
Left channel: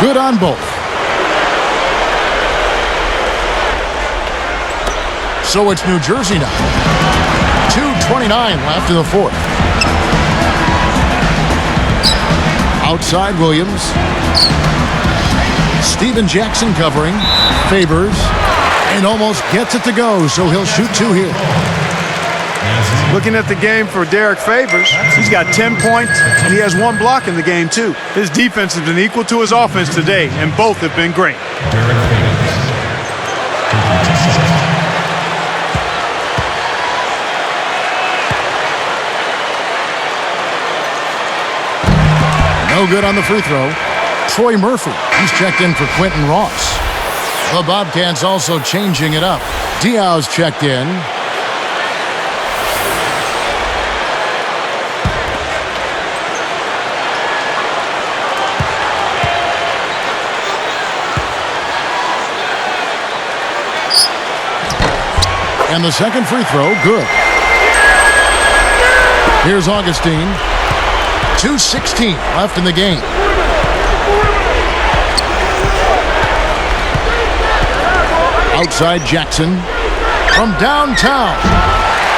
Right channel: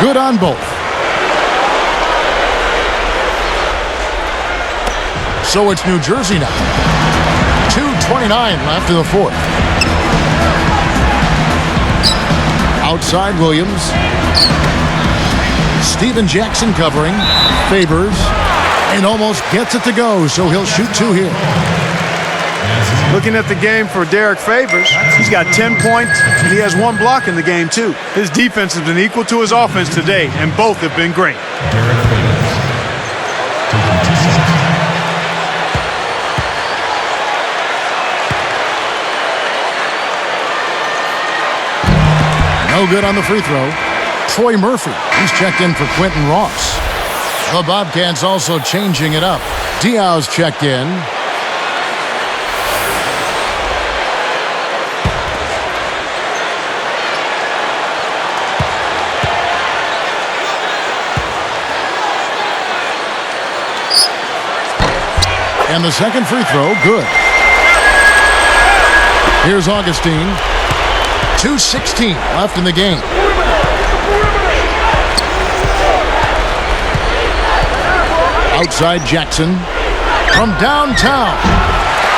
Good on both. So it's New Jersey now. 2:29 left in the fourth. Outside Williams. Steven Jackson covering. Favors. And almost gets it to go, so he'll shoot 2 here. Looking at the game for Derek Favors, he's got 10 points, and he has 1 block in the game, too. His defense has been equal to his offense today, and both have been great. Derek Favors, taking 2 shots. No good on the free throw. Troy Murphy, he's checked in for Quentin Ross. The Bobcats also changing it up. Diaw's checked in. And the second free throw, good. Here's Augustine. 2:16 left in the game. Outside Jackson. From downtown.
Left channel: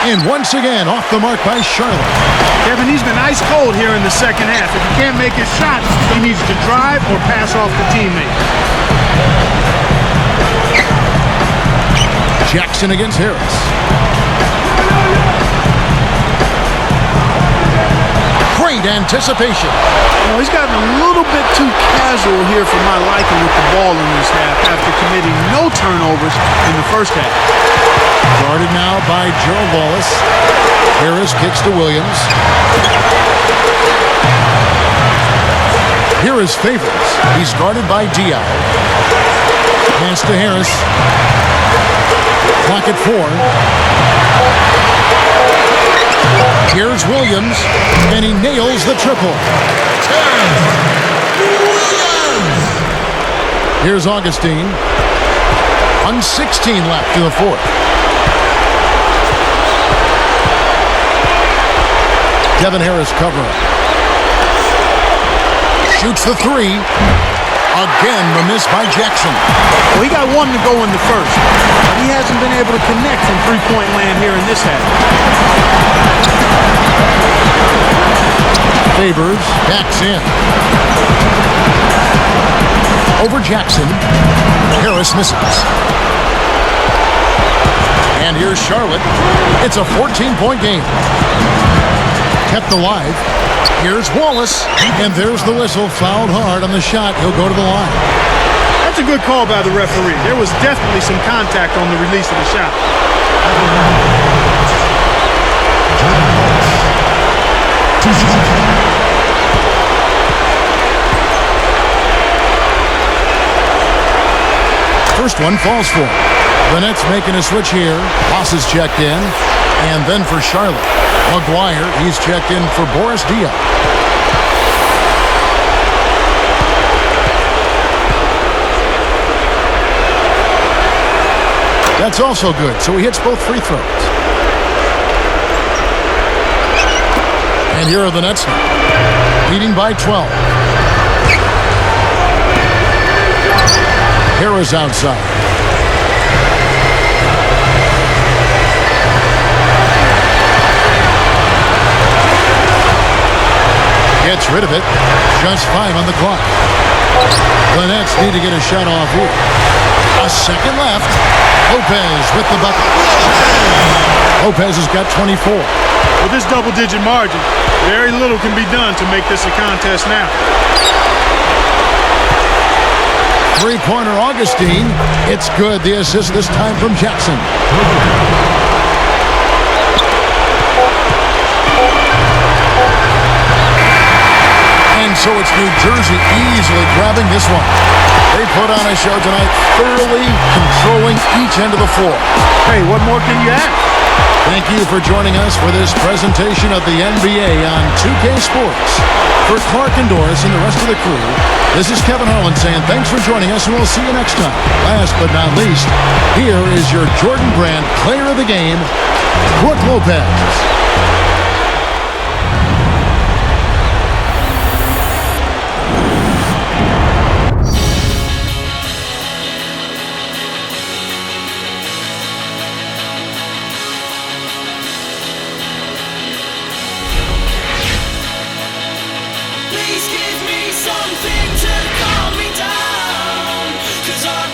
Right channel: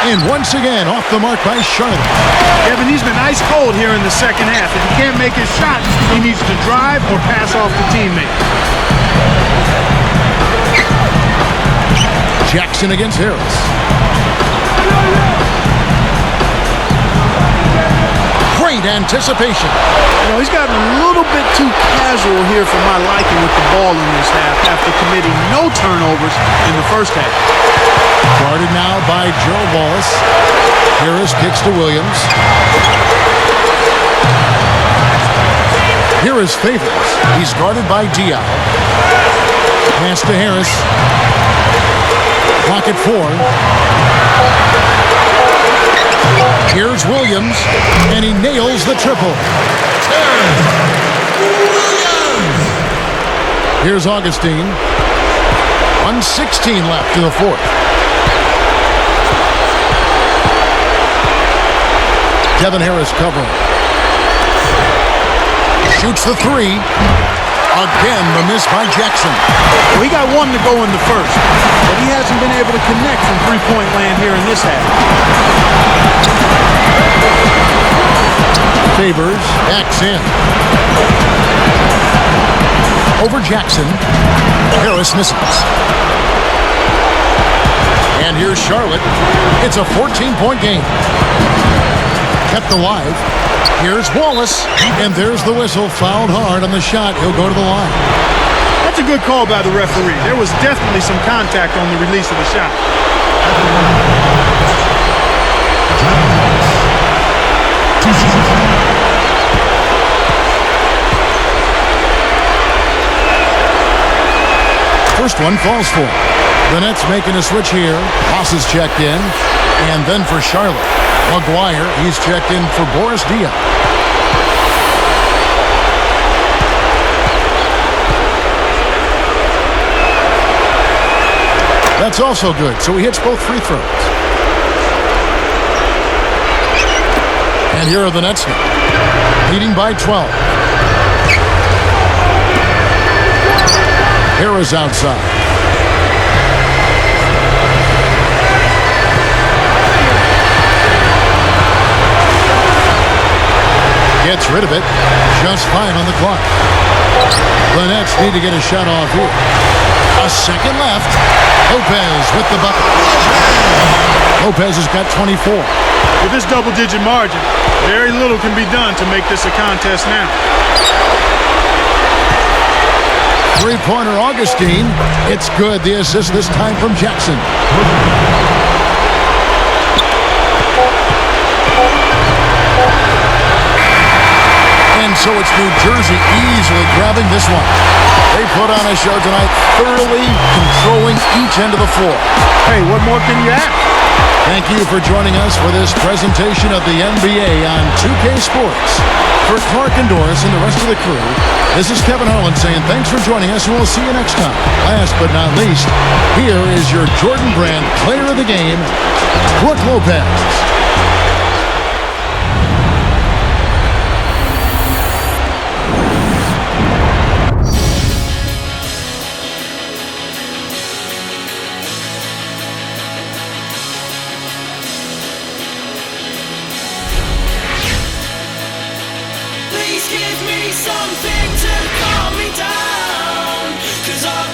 And once again, off the mark by Charlotte. Kevin, he's been ice cold here in the second half. If he can't make his shots, he needs to drive or pass off the teammate. Jackson against Harris. Great anticipation. You know, he's gotten a little bit too casual here for my liking with the ball in this half after committing no turnovers in the first half. Guarded now by Gerald Wallace. Harris kicks to Williams. Here is Favors. He's guarded by Diaw. Pass to Harris. Clock at 4. Here's Williams, and he nails the triple. Here's Augustine. 1:16 left in the fourth. Devin Harris covering. Shoots the 3. Again, the miss by Jackson. Well, he got 1 to go in the first, but he hasn't been able to connect from three-point land here in this half. Favors backs in. over Jackson. Harris misses. And here's Charlotte. It's a 14-point game. Kept alive. Here's Wallace. And there's the whistle. Fouled hard on the shot. He'll go to the line. That's a good call by the referee. There was definitely some contact on the release of the shot. First one falls for him. The Nets making a switch here. Ross is checked in. And then for Charlotte. McGuire, he's checked in for Boris Diaw. That's also good, so he hits both free throws. And here are the Nets now, leading by 12. Harris outside. Gets rid of it. Just 5 on the clock. The Nets need to get a shot off here. A second left. Lopez with the bucket. Lopez has got 24. With this double-digit margin, very little can be done to make this a contest now. Three-pointer Augustine. It's good. The assist this time from Jackson. And so it's New Jersey easily grabbing this one. They put on a show tonight, thoroughly controlling each end of the floor. Hey, what more can you ask? Thank you for joining us for this presentation of the NBA on 2K Sports. For Clark and Doris and the rest of the crew, this is Kevin Harlan saying thanks for joining us, and we'll see you next time. Last but not least, here is your Jordan Brand player of the game, Brook Lopez. Please give me something to calm me down, 'cause our